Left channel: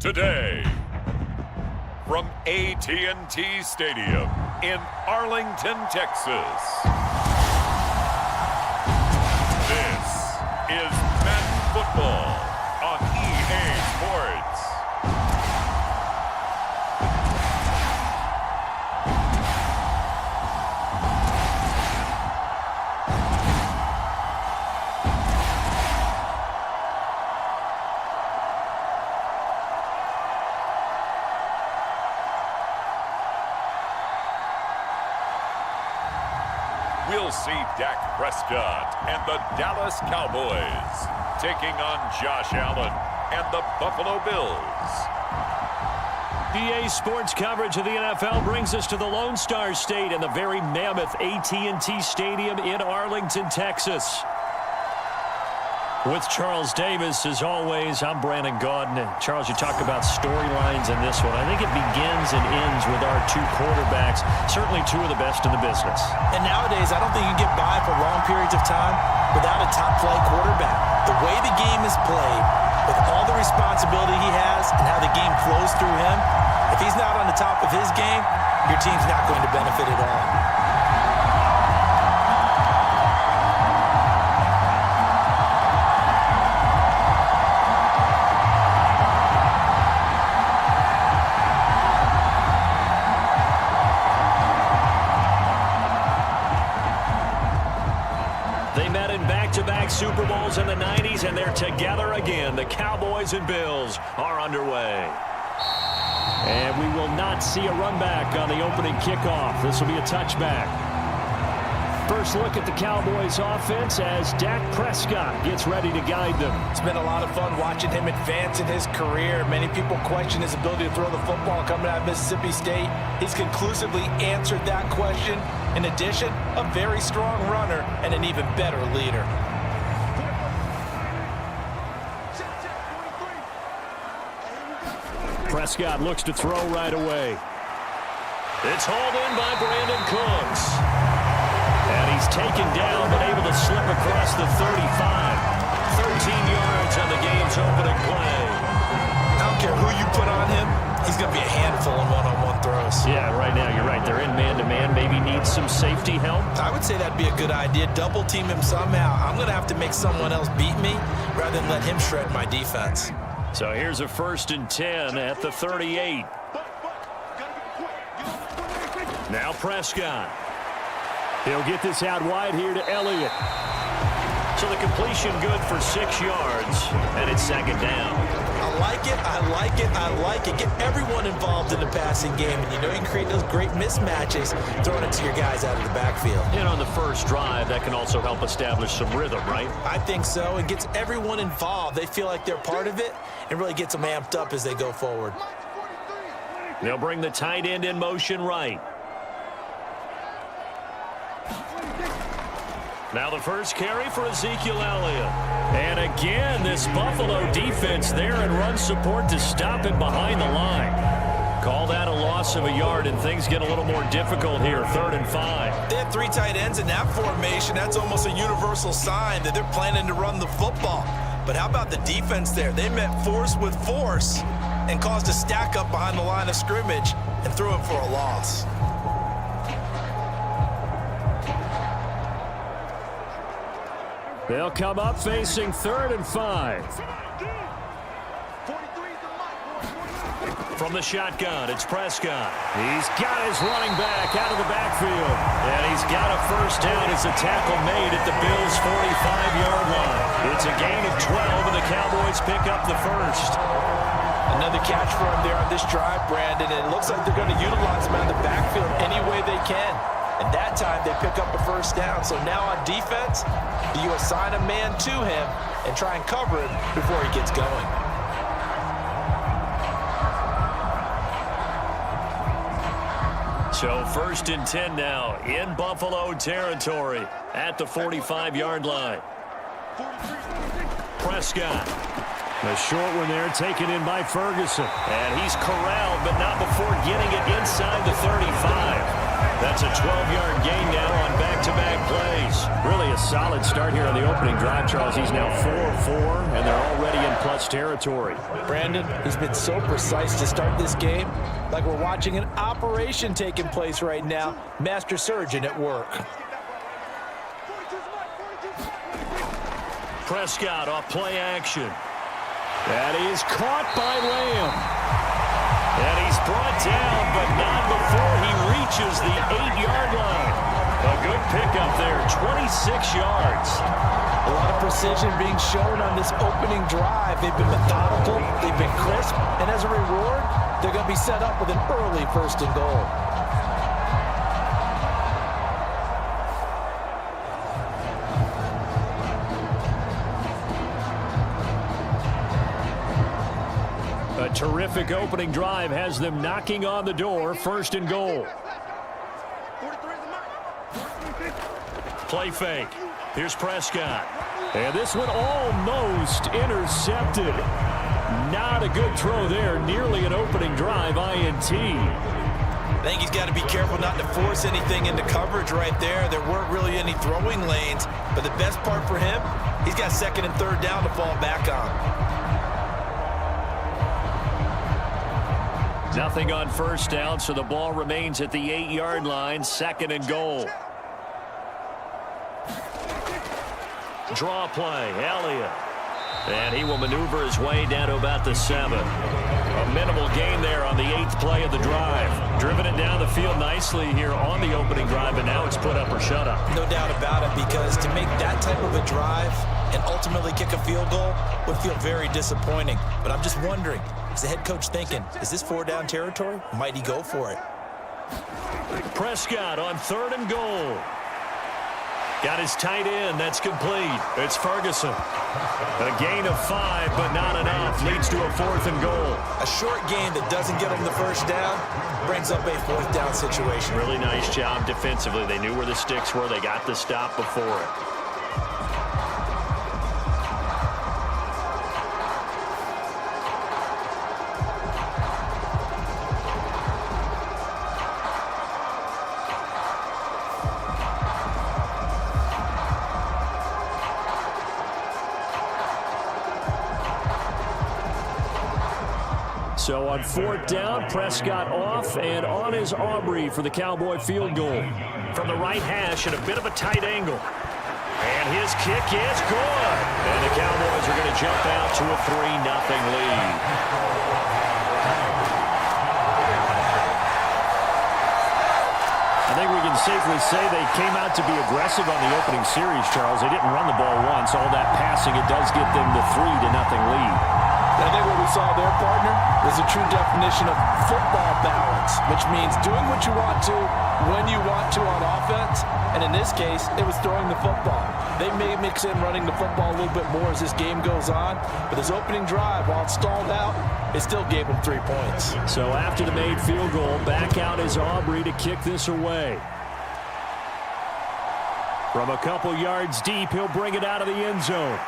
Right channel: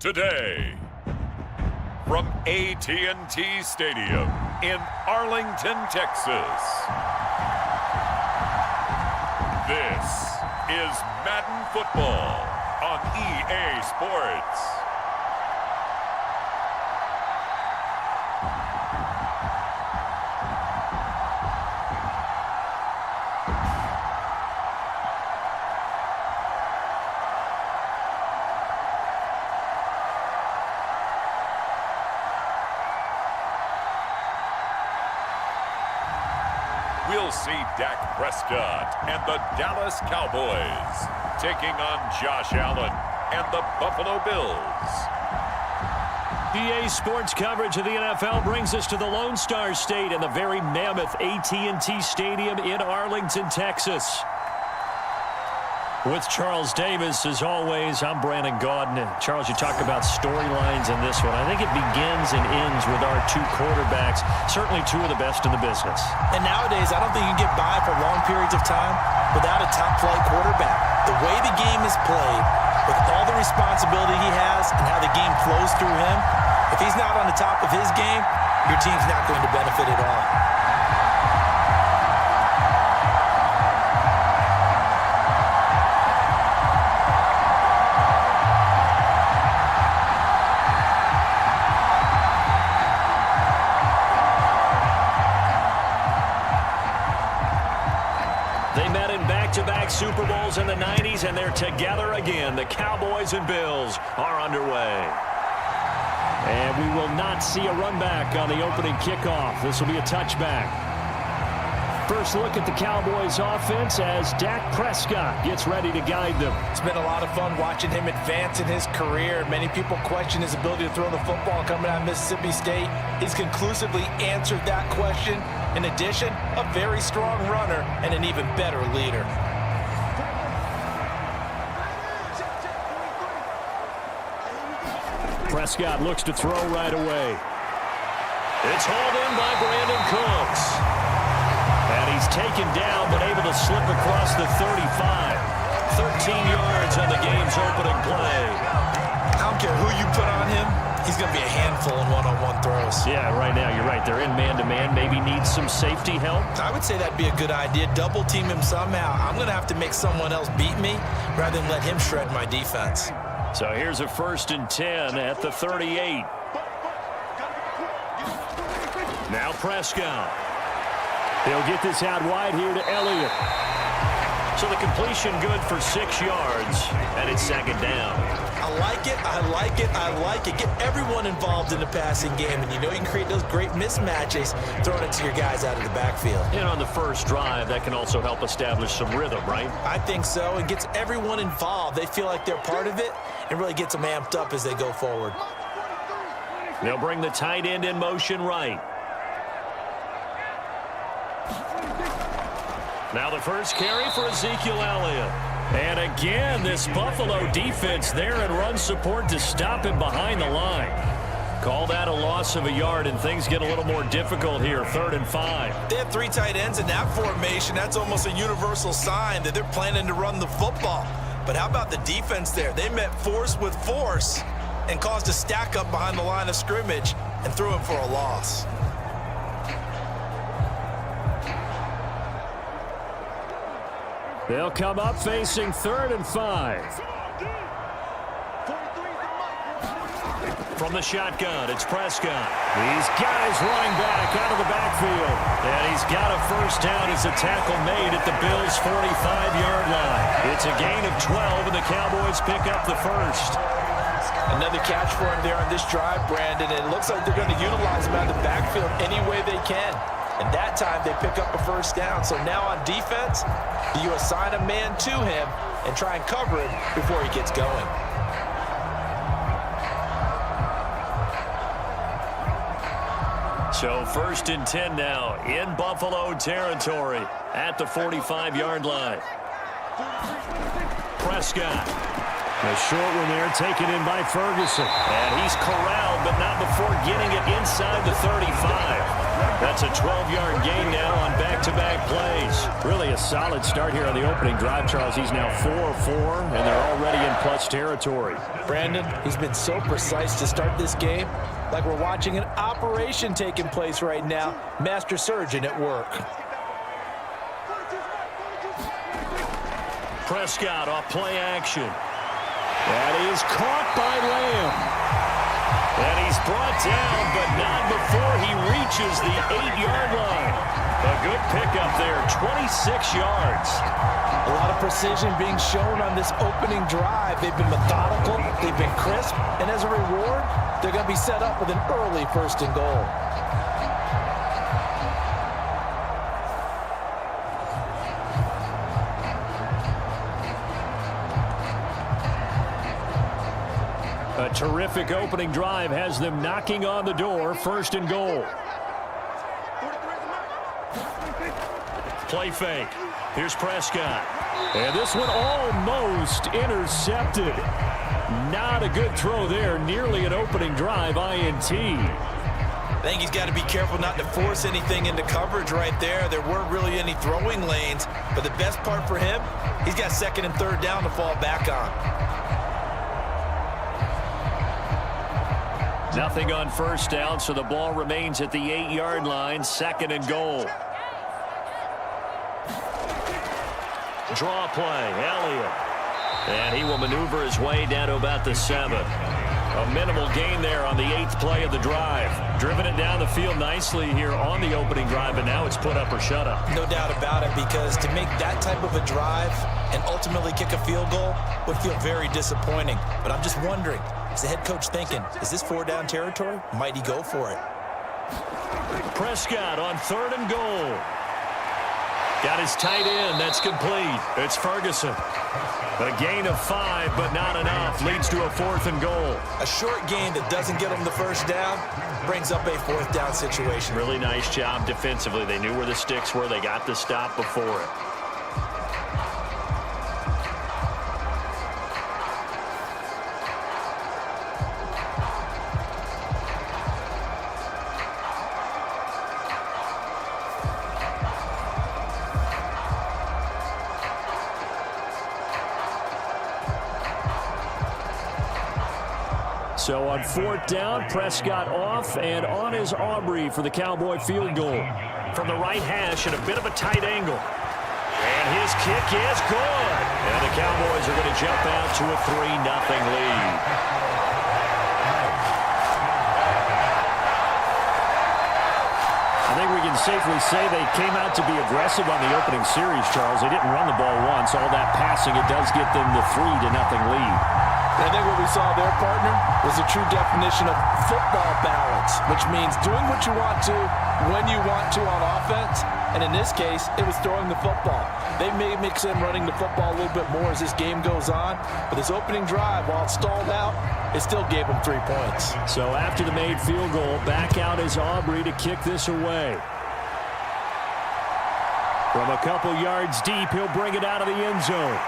Today, from AT&T Stadium in Arlington, Texas, this is Madden Football on EA Sports. We'll see Dak Prescott and the Dallas Cowboys taking on Josh Allen and the Buffalo Bills. EA Sports coverage of the NFL brings us to the Lone Star State and the very mammoth AT&T Stadium in Arlington, Texas. With Charles Davis, as always, I'm Brandon Gaudin. Charles, you talk about storylines in this one. I think it begins and ends with our two quarterbacks, certainly two of the best in the business. And nowadays, I don't think you can get by for long periods of time without a top-flight quarterback. The way the game is played, with all the responsibility he has and how the game flows through him, if he's not on the top of his game, your team's not going to benefit at all. They met in back-to-back Super Bowls in the 90s, and they're together again. The Cowboys and Bills are underway. And we will not see a run back on the opening kickoff. This will be a touchback. First look at the Cowboys offense as Dak Prescott gets ready to guide them. It's been a lot of fun watching him advance in his career. Many people question his ability to throw the football coming out of Mississippi State. He's conclusively answered that question. In addition, a very strong runner and an even better leader. Prescott looks to throw right away. It's hauled in by Brandon Cooks. And he's taken down, but able to slip across the 35. 13 yards on the game's opening play. I don't care who you put on him. He's going to be a handful in one-on-one throws. Yeah, right now, you're right. They're in man-to-man. Maybe needs some safety help. I would say that'd be a good idea. Double team him somehow. I'm going to have to make someone else beat me rather than let him shred my defense. So here's a 1st and 10 at the 38. Now Prescott. He'll get this out wide here to Elliott. So the completion good for 6 yards, and it's 2nd down. I like it, I like it, I like it. Get everyone involved in the passing game, and you know you can create those great mismatches throwing it to your guys out of the backfield. And on the first drive, that can also help establish some rhythm, right? I think so. It gets everyone involved. They feel like they're part of it and really gets them amped up as they go forward. They'll bring the tight end in motion right. Now the first carry for Ezekiel Elliott. And again, this Buffalo defense there in run support to stop him behind the line. Call that a loss of a yard, and things get a little more difficult here, 3rd and 5. They have 3 tight ends in that formation. That's almost a universal sign that they're planning to run the football. But how about the defense there? They met force with force and caused a stack up behind the line of scrimmage and threw him for a loss. They'll come up facing 3rd and 5. From the shotgun, it's Prescott. He's got his running back out of the backfield. And he's got a 1st down as a tackle made at the Bills' 45-yard line. It's a gain of 12, and the Cowboys pick up the 1st. Another catch for him there on this drive, Brandon. And it looks like they're going to utilize him out of the backfield any way they can. And that time they pick up a 1st down. So now on defense, do you assign a man to him and try and cover him before he gets going? So 1st and 10 now in Buffalo territory at the 45-yard line. Prescott. The short one there taken in by Ferguson. And he's corralled, but not before getting it inside the 35. That's a 12-yard gain now on back-to-back plays. Really a solid start here on the opening drive, Charles. He's now 4 of 4, and they're already in plus territory. Brandon, he's been so precise to start this game, like we're watching an operation taking place right now. Master surgeon at work. Prescott off play action. That is caught by Lamb. And he's brought down, but not before he reaches the 8-yard line. A good pickup there, 26 yards. A lot of precision being shown on this opening drive. They've been methodical, they've been crisp, and as a reward, they're going to be set up with an early 1st and goal. A terrific opening drive has them knocking on the door, 1st and goal. Play fake. Here's Prescott. And this one almost intercepted. Not a good throw there. Nearly an opening drive INT. I think he's got to be careful not to force anything into coverage right there. There weren't really any throwing lanes. But the best part for him, he's got 2nd and 3rd down to fall back on. Nothing on 1st down, so the ball remains at the 8-yard line, 2nd and goal. Draw play, Elliott. And he will maneuver his way down to about the 7. A minimal gain there on the 8th play of the drive. Driven it down the field nicely here on the opening drive, but now it's put up or shut up. No doubt about it, because to make that type of a drive and ultimately kick a field goal would feel very disappointing. But I'm just wondering, is the head coach thinking, is this 4-down territory? Might he go for it? Prescott on 3rd and goal. Got his tight end. That's complete. It's Ferguson. A gain of 5, but not enough. Leads to a 4th and goal. A short gain that doesn't get him the 1st down brings up a 4th down situation. Really nice job defensively. They knew where the sticks were. They got the stop before it. So on 4th down, Prescott off, and on is Aubrey for the Cowboy field goal. From the right hash at a bit of a tight angle. And his kick is good. And the Cowboys are going to jump out to a 3-0 lead. I think we can safely say they came out to be aggressive on the opening series, Charles. They didn't run the ball once. All that passing, it does get them the 3-0 lead. I think what we saw there, partner, was a true definition of football balance, which means doing what you want to, when you want to on offense. And in this case, it was throwing the football. They may mix in running the football a little bit more as this game goes on. But this opening drive, while it stalled out, it still gave them 3 points. So after the made field goal, back out is Aubrey to kick this away. From a couple yards deep, he'll bring it out of the end zone.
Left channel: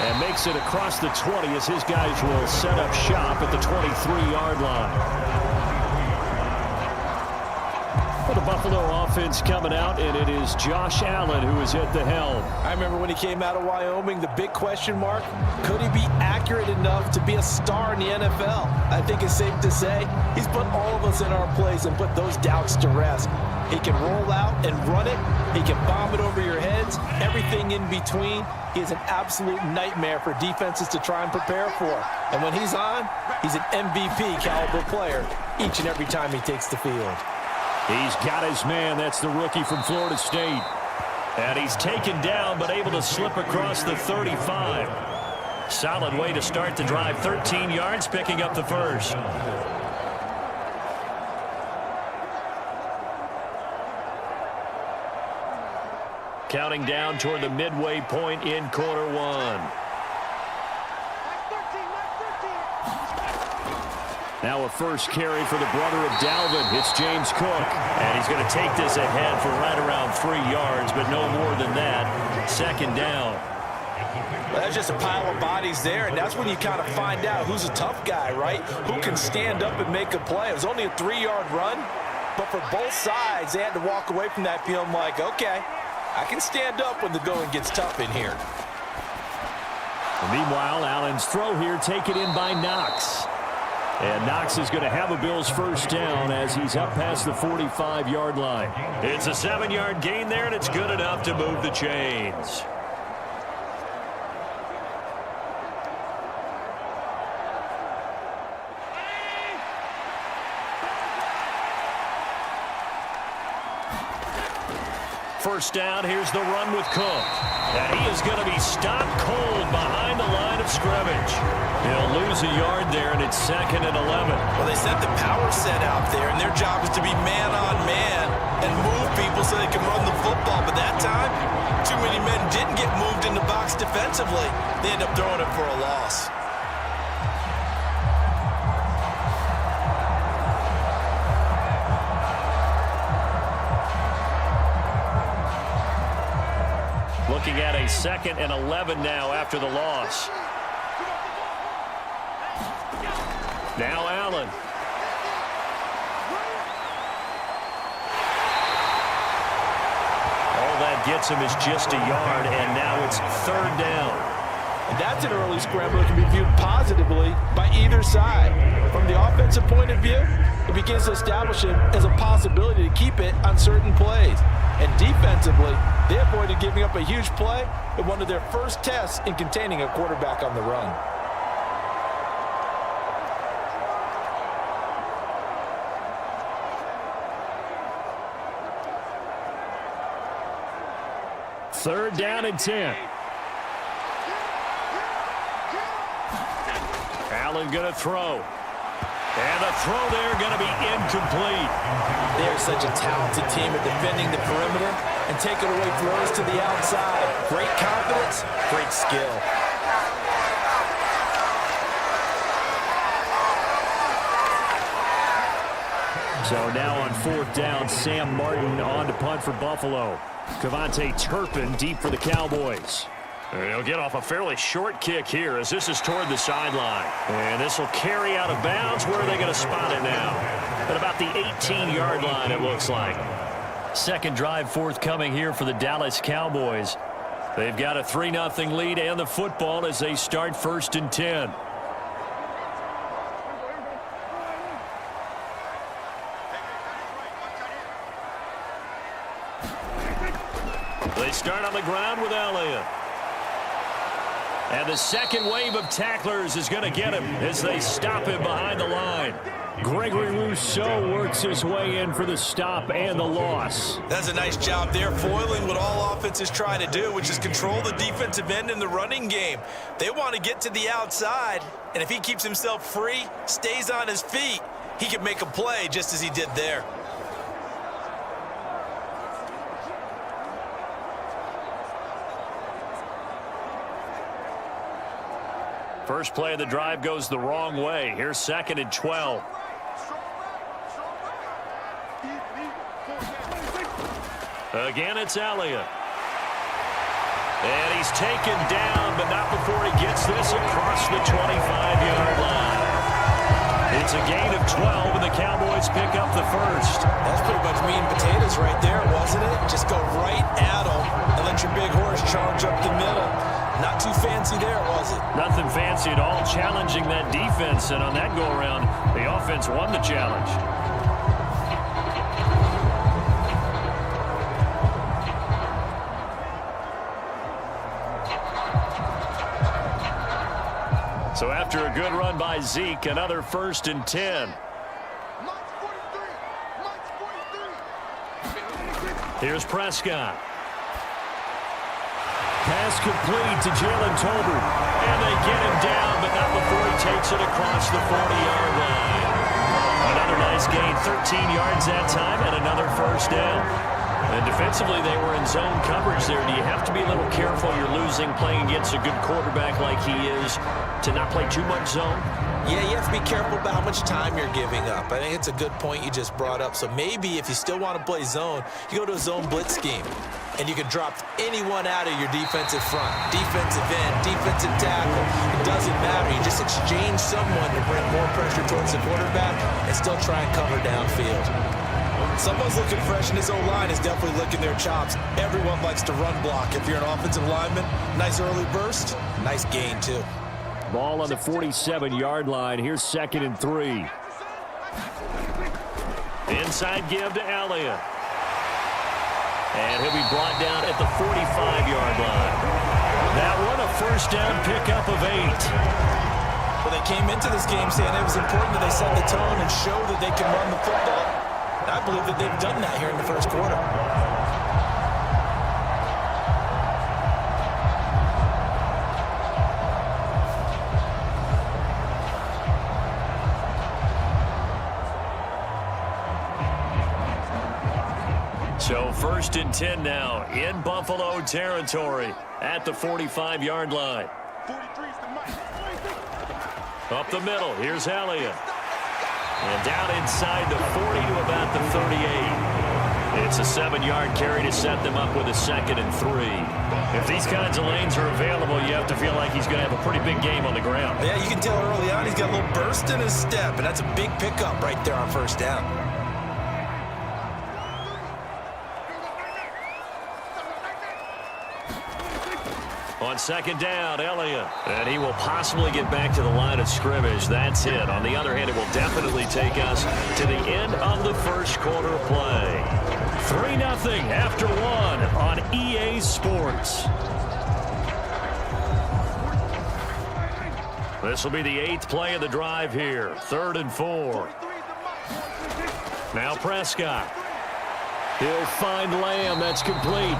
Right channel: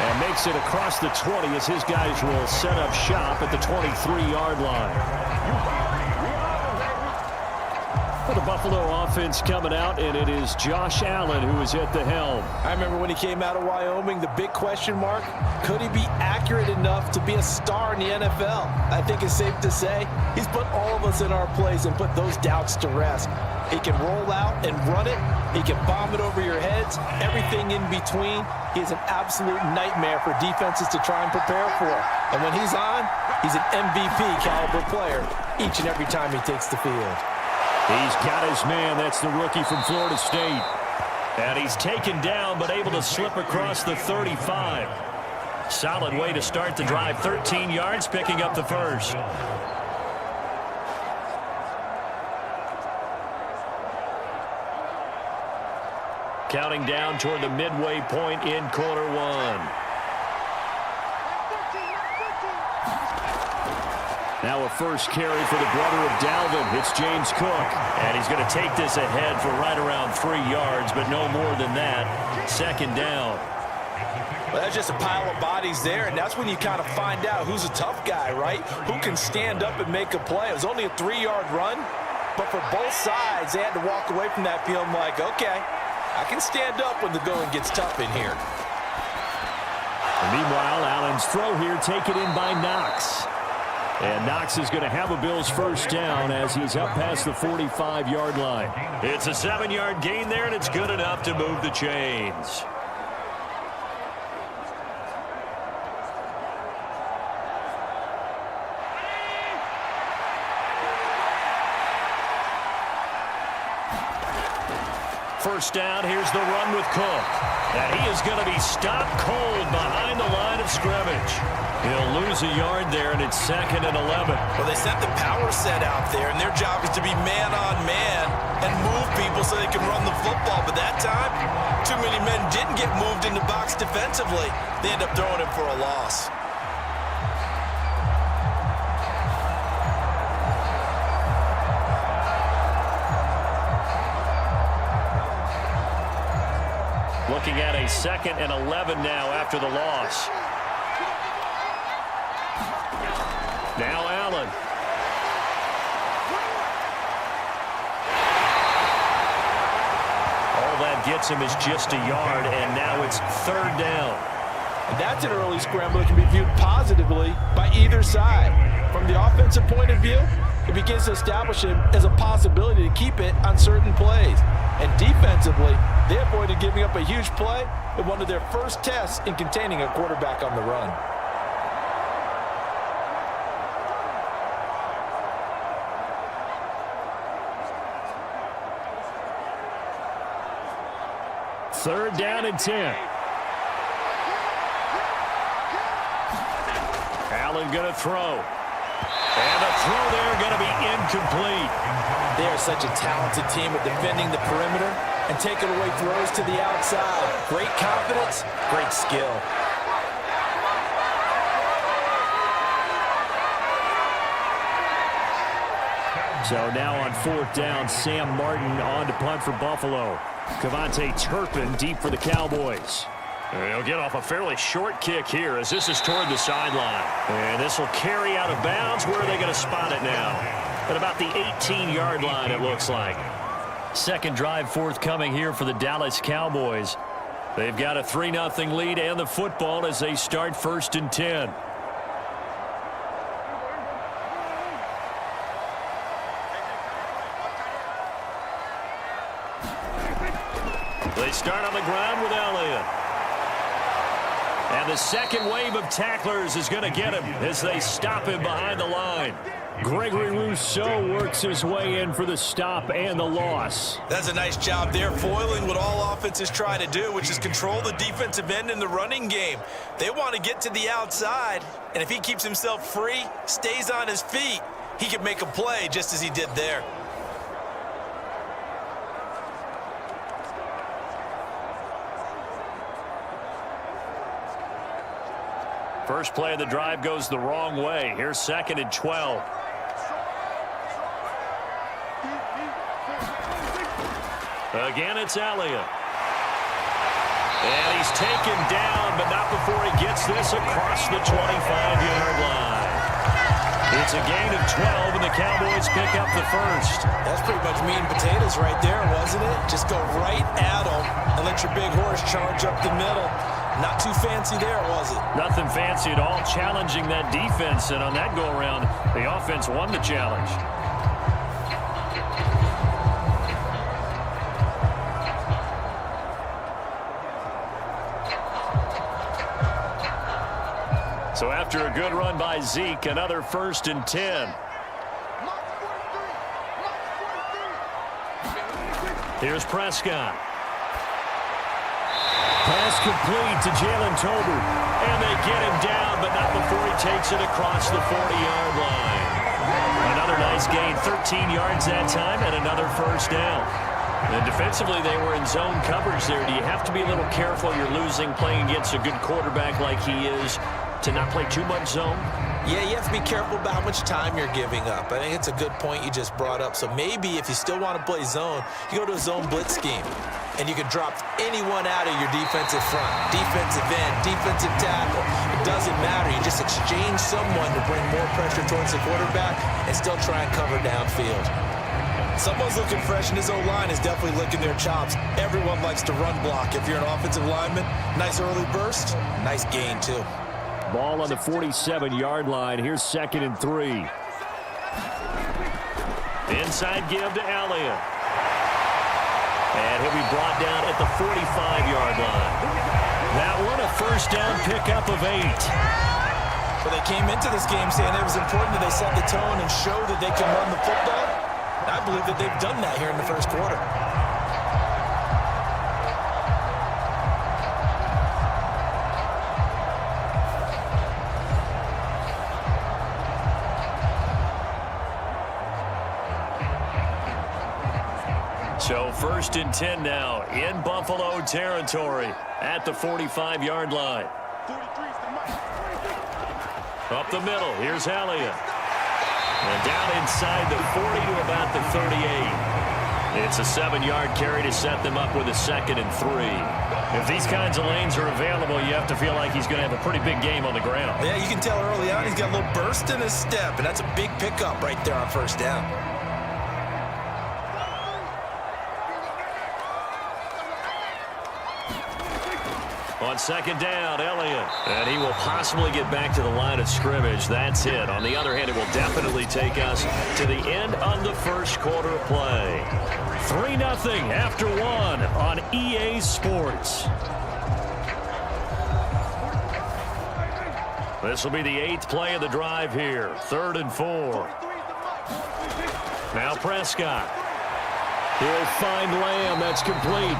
And makes it across the 20 as his guys will set up shop at the 23-yard line. For the Buffalo offense coming out, and it is Josh Allen who is at the helm. I remember when he came out of Wyoming, the big question mark, could he be accurate enough to be a star in the NFL? I think it's safe to say he's put all of us in our place and put those doubts to rest. He can roll out and run it. He can bomb it over your heads. Everything in between. He is an absolute nightmare for defenses to try and prepare for. And when he's on, he's an MVP caliber player each and every time he takes the field. He's got his man. That's the rookie from Florida State. And he's taken down but able to slip across the 35. Solid way to start the drive. 13 yards, picking up the 1st. Counting down toward the midway point in quarter 1. Now a first carry for the brother of Dalvin. It's James Cook. And he's going to take this ahead for right around 3 yards, but no more than that. 2nd down. Well, that's just a pile of bodies there, and that's when you kind of find out who's a tough guy, right? Who can stand up and make a play. It was only a 3-yard run, But for both sides, they had to walk away from that feeling like, okay, I can stand up when the going gets tough in here. And meanwhile, Allen's throw here taken in by Knox. And Knox is going to have a Bills first down as he's up past the 45-yard line. It's a 7-yard gain there, and it's good enough to move the chains. First down, here's the run with Cook. And he is going to be stopped cold behind the line of scrimmage. He'll lose a yard there, and it's 2nd and 11. Well, they sent the power set out there, and their job is to be man-on-man and move people so they can run the football. But that time, too many men didn't get moved in the box defensively. They end up throwing him for a loss. Looking at a 2nd and 11 now after the loss. Now Allen. All that gets him is just a yard, and now it's 3rd down. And that's an early scramble that can be viewed positively by either side. From the offensive point of view, it begins to establish it as a possibility to keep it on certain plays. And defensively, they avoided giving up a huge play in one of their first tests in containing a quarterback on the run. Third down and 10. Allen going to throw. And the throw there going to be incomplete. They are such a talented team at defending the perimeter and taking away throws to the outside. Great confidence, great skill. So now on 4th down, Sam Martin on to punt for Buffalo. Cavante Turpin deep for the Cowboys. He'll get off a fairly short kick here as this is toward the sideline. And this will carry out of bounds. Where are they going to spot it now? At about the 18-yard line, it looks like. Second drive forthcoming here for the Dallas Cowboys. They've got a 3-0 lead and the football as they start 1st and 10. They start on the ground with Elliott. And the second wave of tacklers is going to get him as they stop him behind the line. Gregory Rousseau works his way in for the stop and the loss. That's a nice job there, foiling what all offenses try to do, which is control the defensive end in the running game. They want to get to the outside, and if he keeps himself free, stays on his feet, he can make a play just as he did there. First play of the drive goes the wrong way. Here's 2nd and 12. Again, it's Elliott. And he's taken down, but not before he gets this across the 25-yard line. It's a gain of 12, and the Cowboys pick up the first. That's pretty much meat and potatoes right there, wasn't it? Just go right at them and let your big horse charge up the middle. Not too fancy there, was it? Nothing fancy at all, challenging that defense, and on that go-around, the offense won the challenge. So after a good run by Zeke, another 1st and 10. Here's Prescott. Pass complete to Jalen Tolbert. And they get him down, but not before he takes it across the 40-yard line. Another nice gain, 13 yards that time, and another first down. And defensively, they were in zone coverage there. Do you have to be a little careful? You're losing, playing against a good quarterback like he is, to not play too much zone? Yeah, you have to be careful about how much time you're giving up. I think it's a good point you just brought up. So maybe if you still want to play zone, you go to a zone blitz scheme. And you can drop anyone out of your defensive front, defensive end, defensive tackle. It doesn't matter. You just exchange someone to bring more pressure towards the quarterback and still try and cover downfield. Someone's looking fresh, and his O-line is definitely licking their chops. Everyone likes to run block. If you're an offensive lineman, nice early burst, nice gain, too. Ball on the 47-yard line. Here's 2nd and 3. Inside give to Elliott. And he'll be brought down at the 45-yard line. That one, a first down pickup of 8. Well, they came into this game saying it was important that they set the tone and show that they can run the football. And I believe that they've done that here in the first quarter. So 1st and 10 now in Buffalo territory at the 45-yard line. Up the middle, here's Elliott. And down inside the 40 to about the 38. It's a 7-yard carry to set them up with a 2nd and 3. If these kinds of lanes are available, you have to feel like he's going to have a pretty big game on the ground. Yeah, you can tell early on he's got a little burst in his step, and that's a big pickup right there on first down. On 2nd down, Elliott. And he will possibly get back to the line of scrimmage. That's it. On the other hand, it will definitely take us to the end of the first quarter of play. 3-0 after 1 on EA Sports. This will be the 8th play of the drive here. 3rd and 4. Now Prescott. He'll find Lamb. That's complete.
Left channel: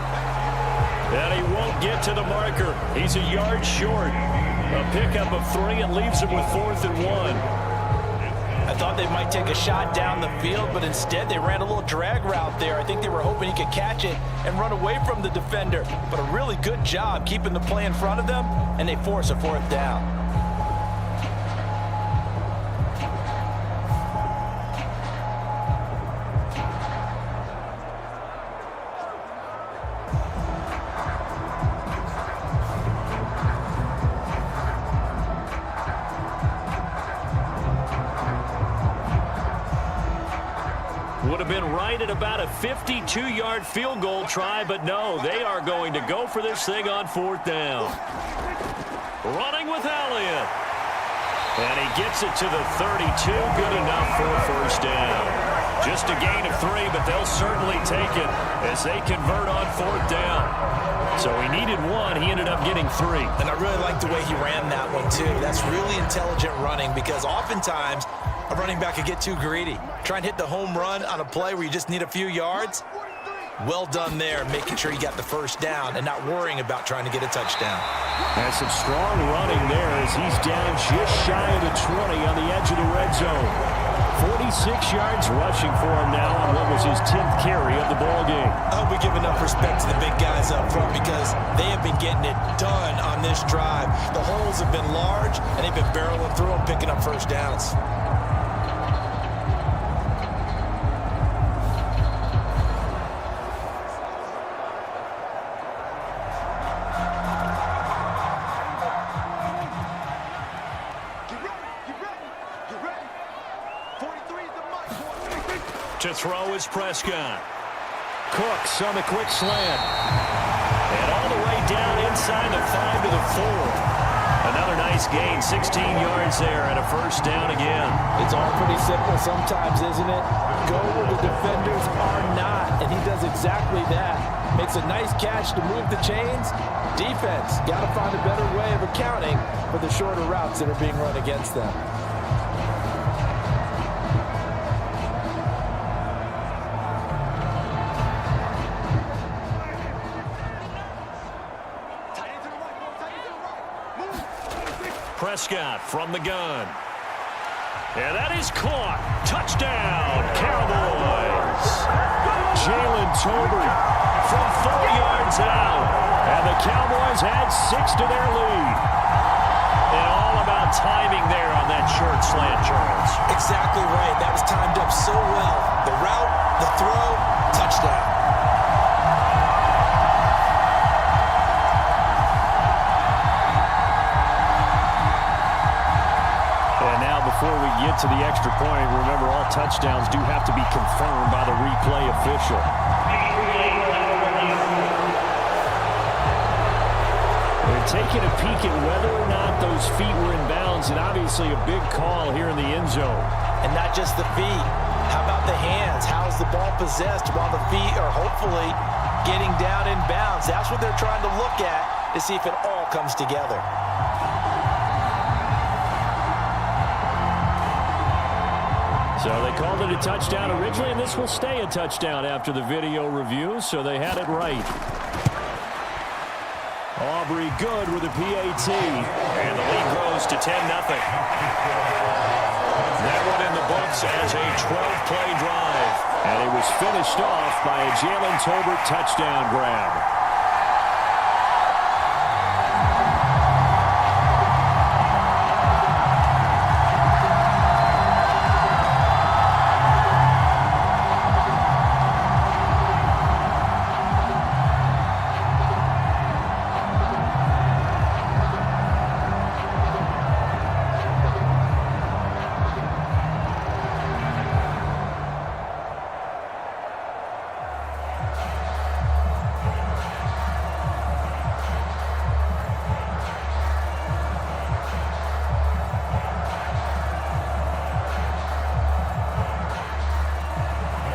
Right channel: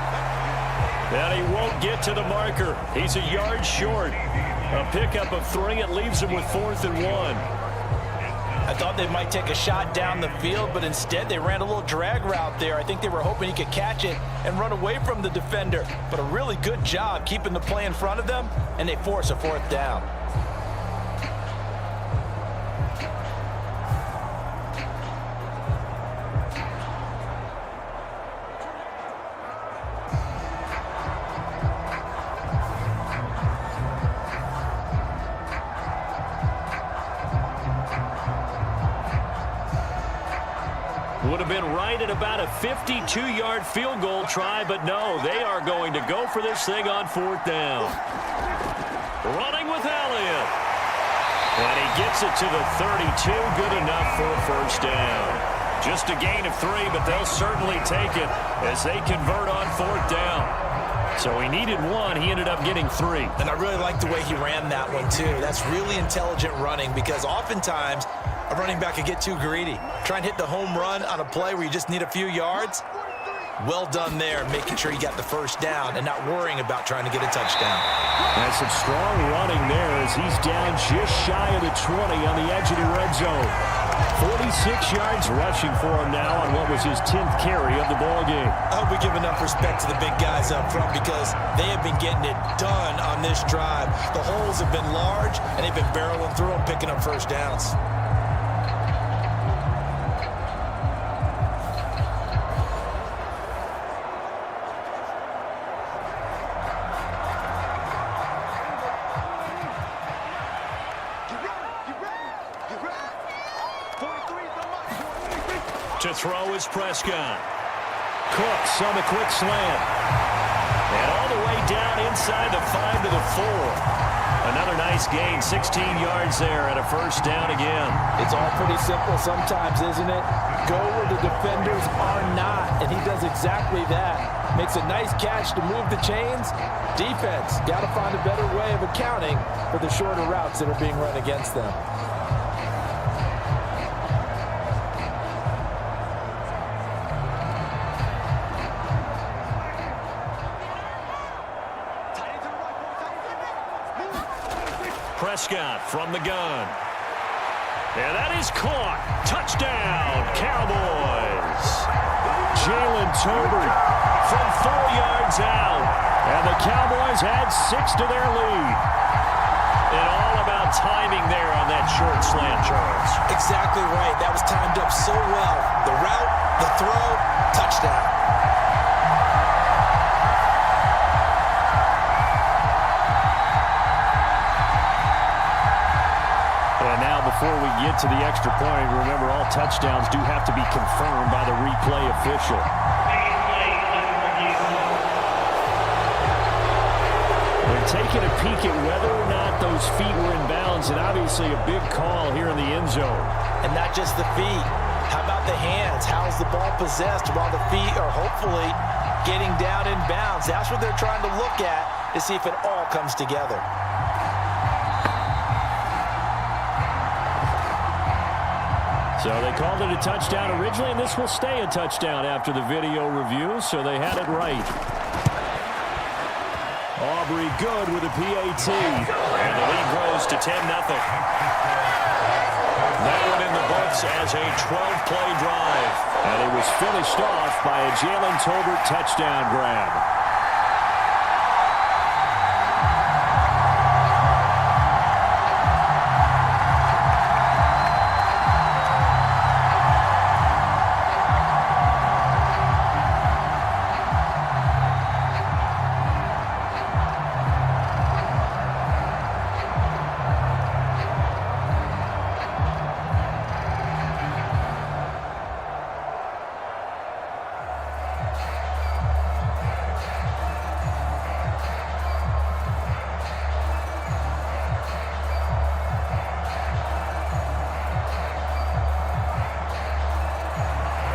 And he won't get to the marker. He's a yard short. A pickup of 3. It leaves him with 4th and 1. I thought they might take a shot down the field, but instead they ran a little drag route there. I think they were hoping he could catch it and run away from the defender. But a really good job keeping the play in front of them, and they force a 4th down. Would have been right at about a 52-yard field goal try, but no, they are going to go for this thing on 4th down. Running with Elliott. And he gets it to the 32. Good enough for a first down. Just a gain of 3, but they'll certainly take it as they convert on 4th down. So he needed 1. He ended up getting 3. And I really like the way he ran that one, too. That's really intelligent running because oftentimes a running back could get too greedy. Try and hit the home run on a play where you just need a few yards. Well done there, making sure you got the first down and not worrying about trying to get a touchdown. That's some strong running there as he's down just shy of the 20 on the edge of the red zone. 46 yards rushing for him now on what was his 10th carry of the ball game. I hope we give enough respect to the big guys up front because they have been getting it done on this drive. The holes have been large, and they've been barreling through them, picking up first downs. To throw is Prescott. Cooks on the quick slant. And all the way down inside the 5 to the 4. Another nice gain, 16 yards there and a first down again. It's all pretty simple sometimes, isn't it? Go where the defenders are not, and he does exactly that. Makes a nice catch to move the chains. Defense, got to find a better way of accounting for the shorter routes that are being run against them. Prescott from the gun. And that is caught. Touchdown, Cowboys. Jalen Tolbert from 4 yards out. And the Cowboys add 6 to their lead. And all about timing there on that short slant, Charles. Exactly right. That was timed up so well. The route, the throw, touchdown. And now before we get to the extra point, remember all touchdowns do have to be confirmed by the replay official. They're taking a peek at whether or not those feet were in bounds, and obviously a big call here in the end zone. And not just the feet. How about the hands? How's the ball possessed while the feet are hopefully getting down in bounds? That's what they're trying to look at to see if it all comes together. So they called it a touchdown originally, and this will stay a touchdown after the video review, so they had it right. Aubrey good with a PAT. And the lead grows to 10-0. That one in the books as a 12-play drive. And it was finished off by a Jalen Tolbert touchdown grab.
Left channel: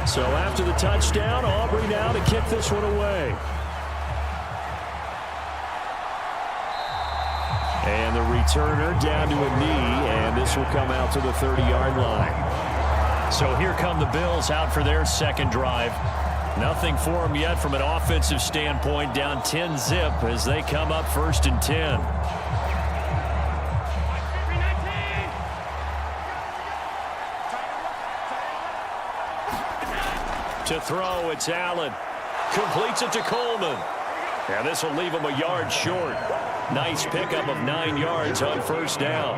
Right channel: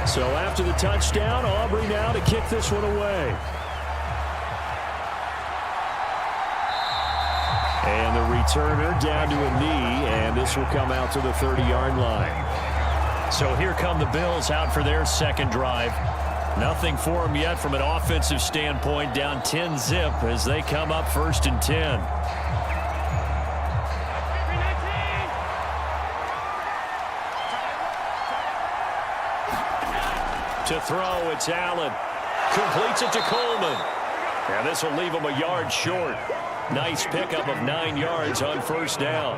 So after the touchdown, Aubrey now to kick this one away. And the returner down to a knee, and this will come out to the 30-yard line. So here come the Bills out for their second drive. Nothing for them yet from an offensive standpoint, down 10-zip as they come up 1st and 10. To throw, it's Allen. Completes it to Coleman. And this will leave him a yard short. Nice pickup of 9 yards on 1st down.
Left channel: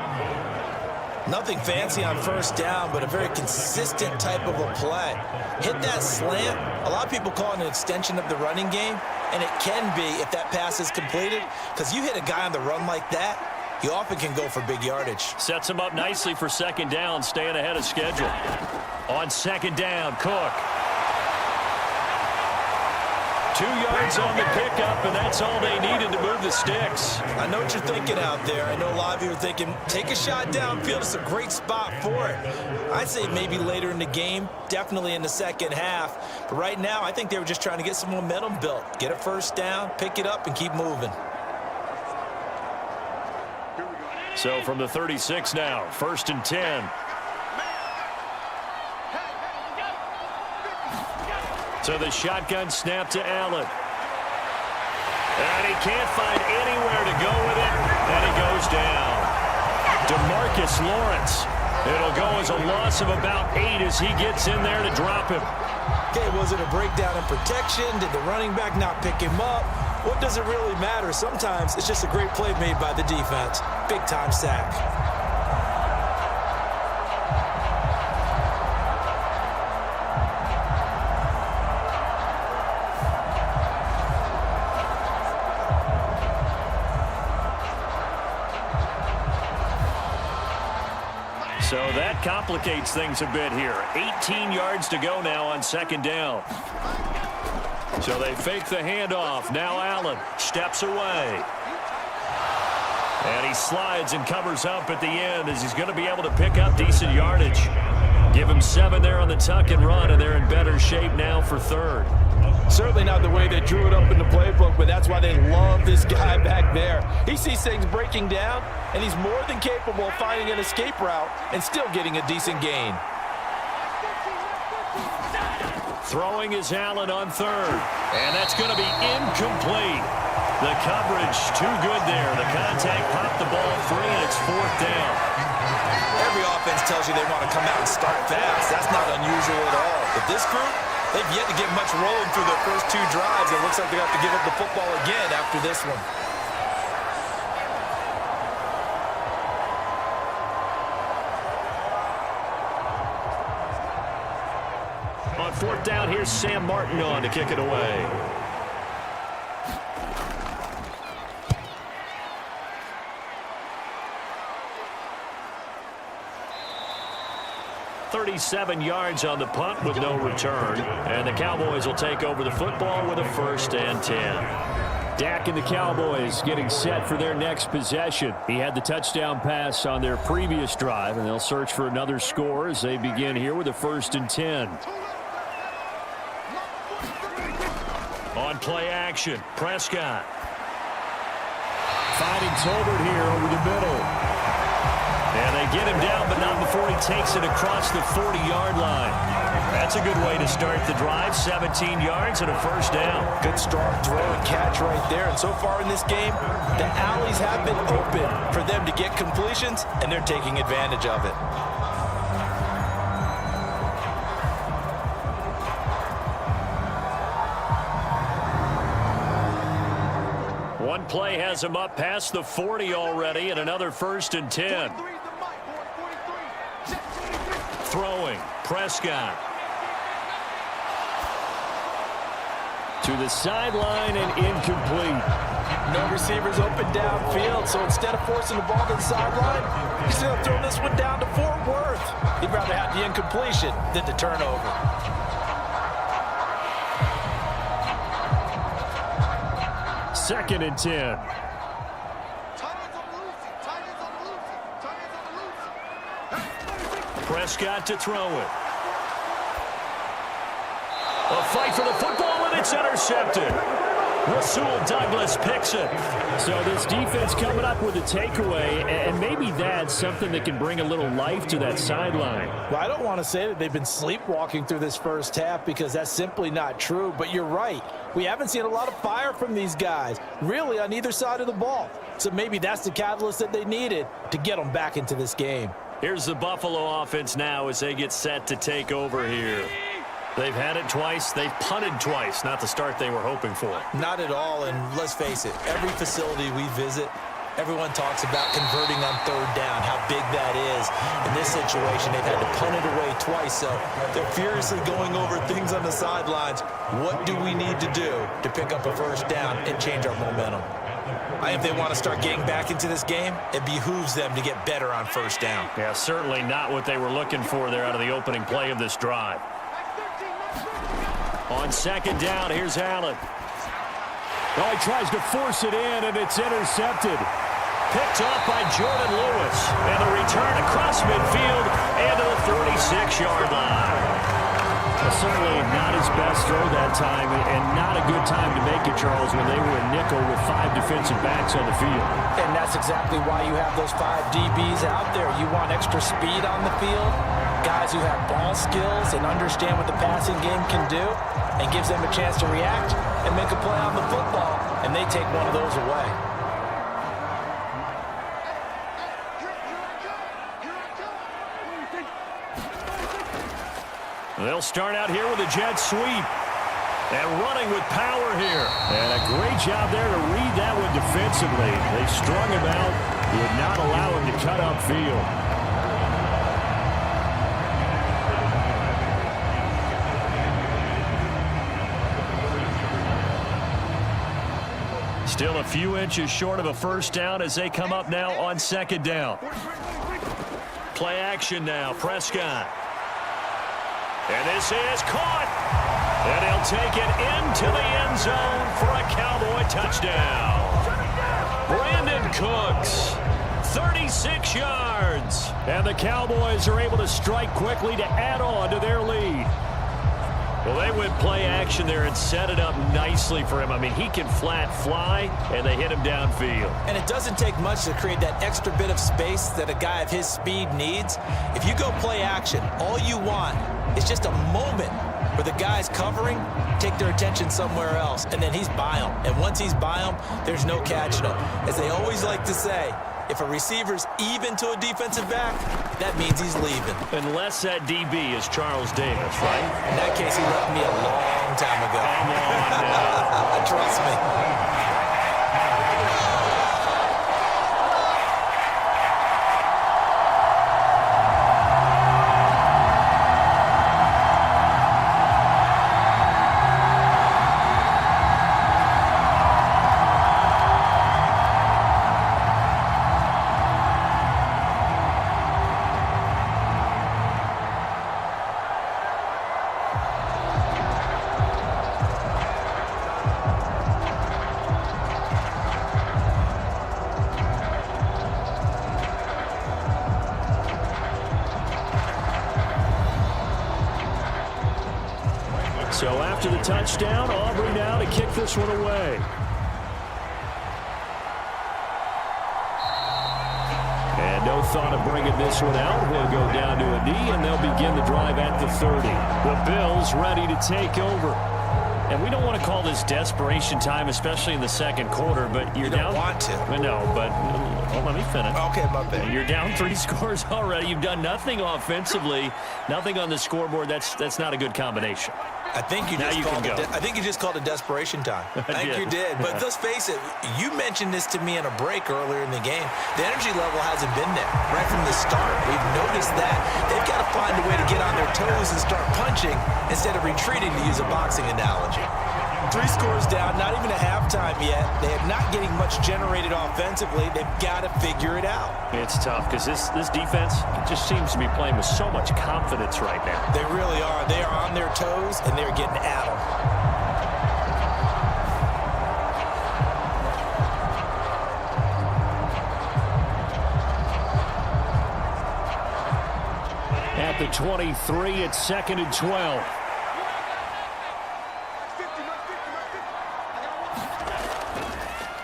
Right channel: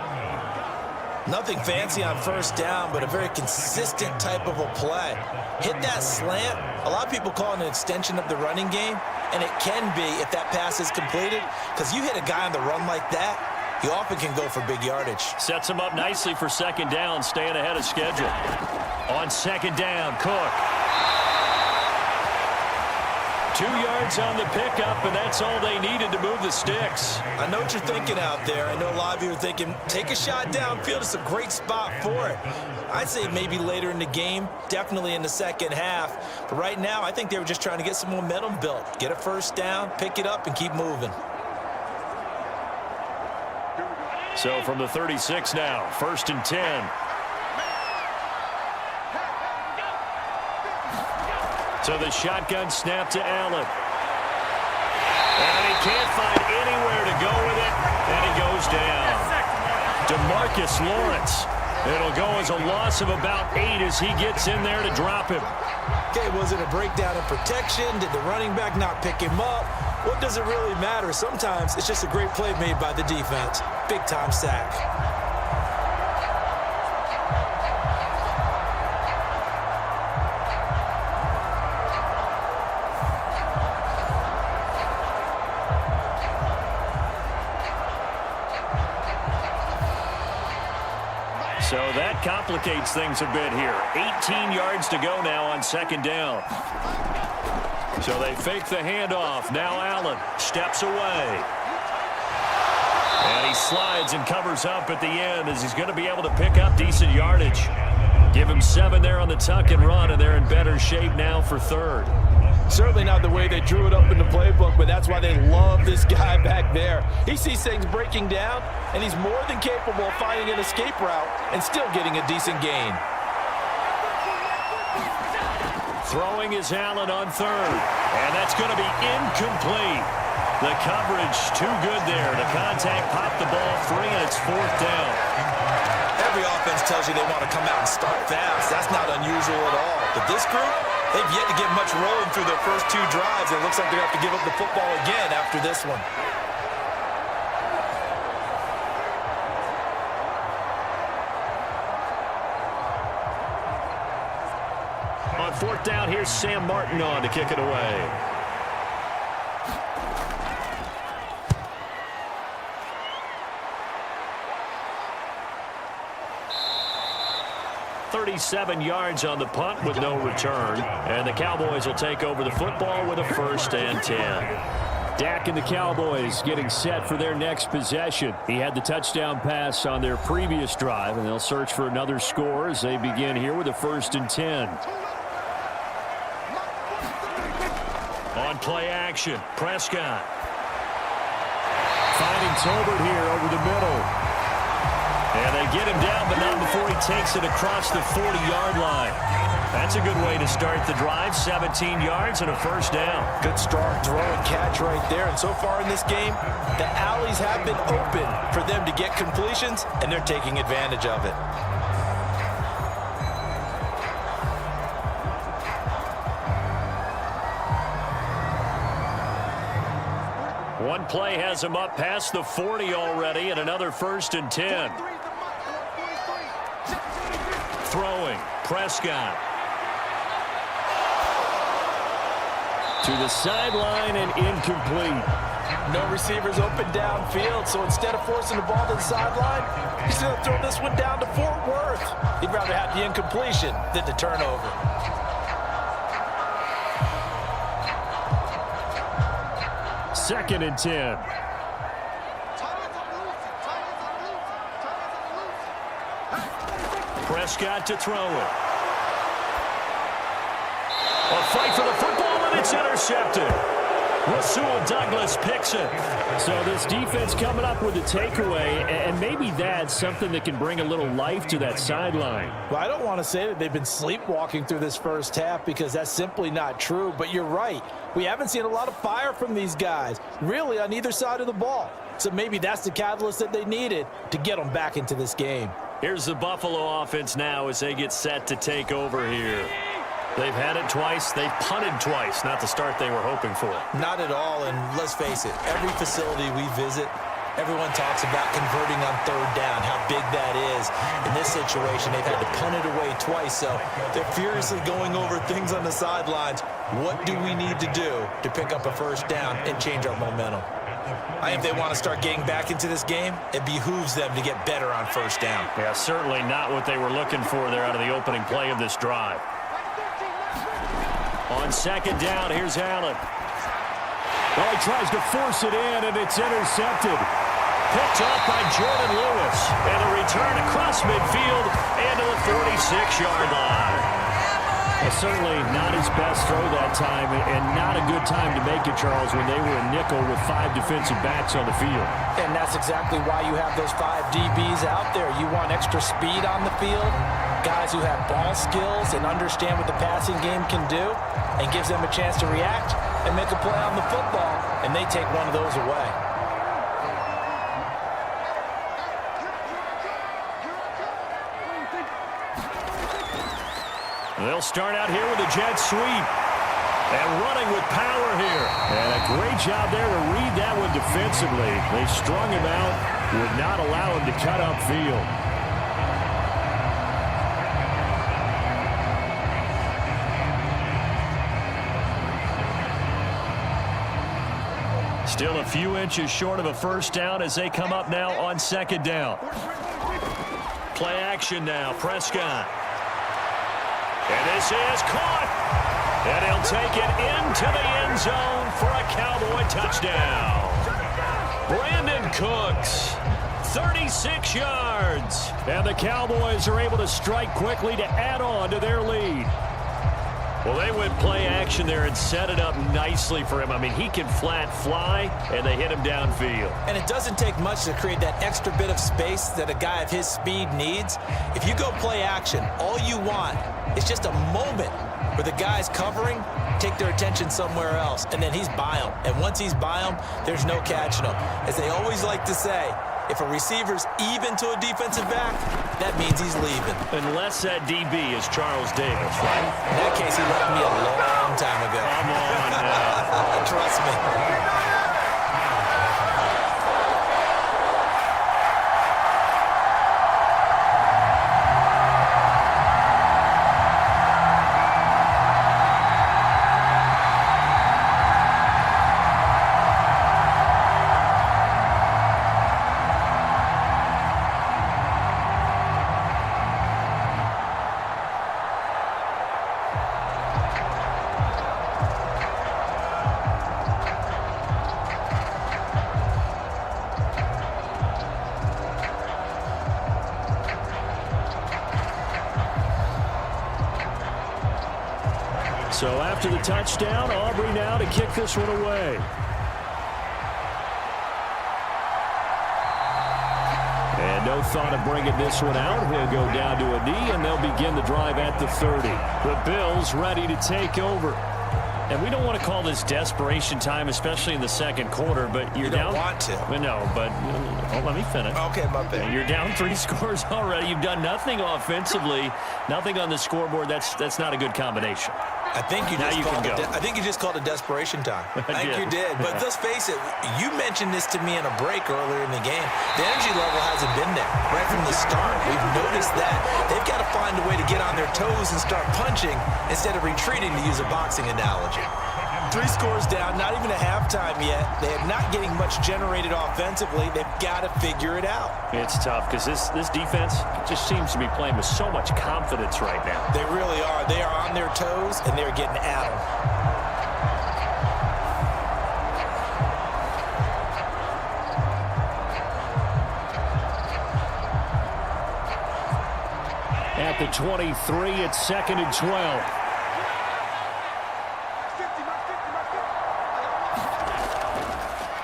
Nothing fancy on 1st down, but a very consistent type of a play. Hit that slant. A lot of people call it an extension of the running game, and it can be if that pass is completed, because you hit a guy on the run like that, he often can go for big yardage. Sets him up nicely for 2nd down, staying ahead of schedule. On 2nd down, Cook. 2 yards on the pickup, and that's all they needed to move the sticks. I know what you're thinking out there. I know a lot of you are thinking, take a shot downfield. It's a great spot for it. I'd say maybe later in the game, definitely in the second half. But right now, I think they were just trying to get some momentum built. Get a 1st down, pick it up, and keep moving. So from the 36 now, 1st and 10. So the shotgun snap to Allen. And he can't find anywhere to go with it, and he goes down. DeMarcus Lawrence. It'll go as a loss of about 8 as he gets in there to drop him. Okay, was it a breakdown in protection? Did the running back not pick him up? What does it really matter? Sometimes it's just a great play made by the defense. Big-time sack. So that complicates things a bit here. 18 yards to go now on 2nd down. So they fake the handoff. Now Allen steps away. And he slides and covers up at the end as he's going to be able to pick up decent yardage. Give him 7 there on the tuck and run, and they're in better shape now for 3rd. Certainly not the way they drew it up in the playbook, but that's why they love this guy back there. He sees things breaking down, and he's more than capable of finding an escape route and still getting a decent gain. Throwing is Allen on 3rd, and that's going to be incomplete. The coverage too good there. The contact popped the ball free, and it's 4th down. Every offense tells you they want to come out and start fast. That's not unusual at all. But this group, they've yet to get much rolling through their first 2 drives. It looks like they're going to have to give up the football again after this one. On 4th down, here's Sam Martin on to kick it away. 37 yards on the punt with no return. And the Cowboys will take over the football with a 1st and 10. Dak and the Cowboys getting set for their next possession. He had the touchdown pass on their previous drive, and they'll search for another score as they begin here with a 1st and 10. On play action, Prescott. Finding Tolbert here over the middle. And they get him down, but not before he takes it across the 40-yard line. That's a good way to start the drive. 17 yards and a 1st down. Good strong throw and catch right there. And so far in this game, the alleys have been open for them to get completions, and they're taking advantage of it. One play has him up past the 40 already, and another 1st and 10. Throwing, Prescott. To the sideline and incomplete. No receivers open downfield, so instead of forcing the ball to the sideline, he's going to throw this one down to Fort Worth. He'd rather have the incompletion than the turnover. Second and 10. Prescott to throw it. A fight for the football, and it's intercepted. Rasul Douglas picks it. So this defense coming up with a takeaway, and maybe that's something that can bring a little life to that sideline. Well, I don't want to say that they've been sleepwalking through this first half because that's simply not true, but you're right. We haven't seen a lot of fire from these guys, really on either side of the ball. So maybe that's the catalyst that they needed to get them back into this game. Here's the Buffalo offense now as they get set to take over here. They've had it twice. They've punted twice. Not the start they were hoping for. Not at all, and let's face it, every facility we visit, everyone talks about converting on 3rd down, how big that is. In this situation, they've had to punt it away twice, so they're furiously going over things on the sidelines. What do we need to do to pick up a 1st down and change our momentum? If they want to start getting back into this game, it behooves them to get better on 1st down. Yeah, certainly not what they were looking for there out of the opening play of this drive. On 2nd down, here's Allen. Well, he tries to force it in, and it's intercepted. Picked off by Jordan Lewis. And a return across midfield and to the 46-yard line. Certainly not his best throw that time, and not a good time to make it, Charles, when they were a nickel with 5 defensive backs on the field. And that's exactly why you have those 5 DBs out there. You want extra speed on the field, guys who have ball skills and understand what the passing game can do, and gives them a chance to react and make a play on the football, and they take one of those away. They'll start out here with a jet sweep. And running with power here. And a great job there to read that one defensively. They strung him out, would not allow him to cut upfield. Still a few inches short of a 1st down as they come up now on 2nd down. Play action now, Prescott. And this is caught. And he'll take it into the end zone for a Cowboy touchdown. Brandon Cooks, 36 yards. And the Cowboys are able to strike quickly to add on to their lead. Well, they went play action there and set it up nicely for him. I mean, he can flat fly, and they hit him downfield. And it doesn't take much to create that extra bit of space that a guy of his speed needs. If you go play action, all you want is just a moment where the guys covering take their attention somewhere else, and then he's by them. And once he's by them, there's no catching him. As they always like to say, if a receiver's even to a defensive back, that means he's leaving. Unless that DB is Charles Davis, right? In that case, he left me a long time ago. Come on now. Trust me. So after the touchdown, Aubrey now to kick this one away. And no thought of bringing this one out. He'll go down to a knee, and they'll begin the drive at the 30. The Bills ready to take over. And we don't want to call this desperation time, especially in the second quarter, but you're down. You don't want to. No, but let me finish. Okay, my bad. You're down 3 scores already. You've done nothing offensively, nothing on the scoreboard. That's not a good combination. I think you just called it desperation time. I think you did. But let's face it, you mentioned this to me in a break earlier in the game. The energy level hasn't been there right from the start. We've noticed that. They've got to find a way to get on their toes and start punching instead of retreating, to use a boxing analogy. 3 scores down, not even a halftime yet. They are not getting much generated offensively. They've got to figure it out. It's tough because this defense just seems to be playing with so much confidence right now. They really are. They are on their toes, and they're getting at them. At the 23, it's 2nd and 12.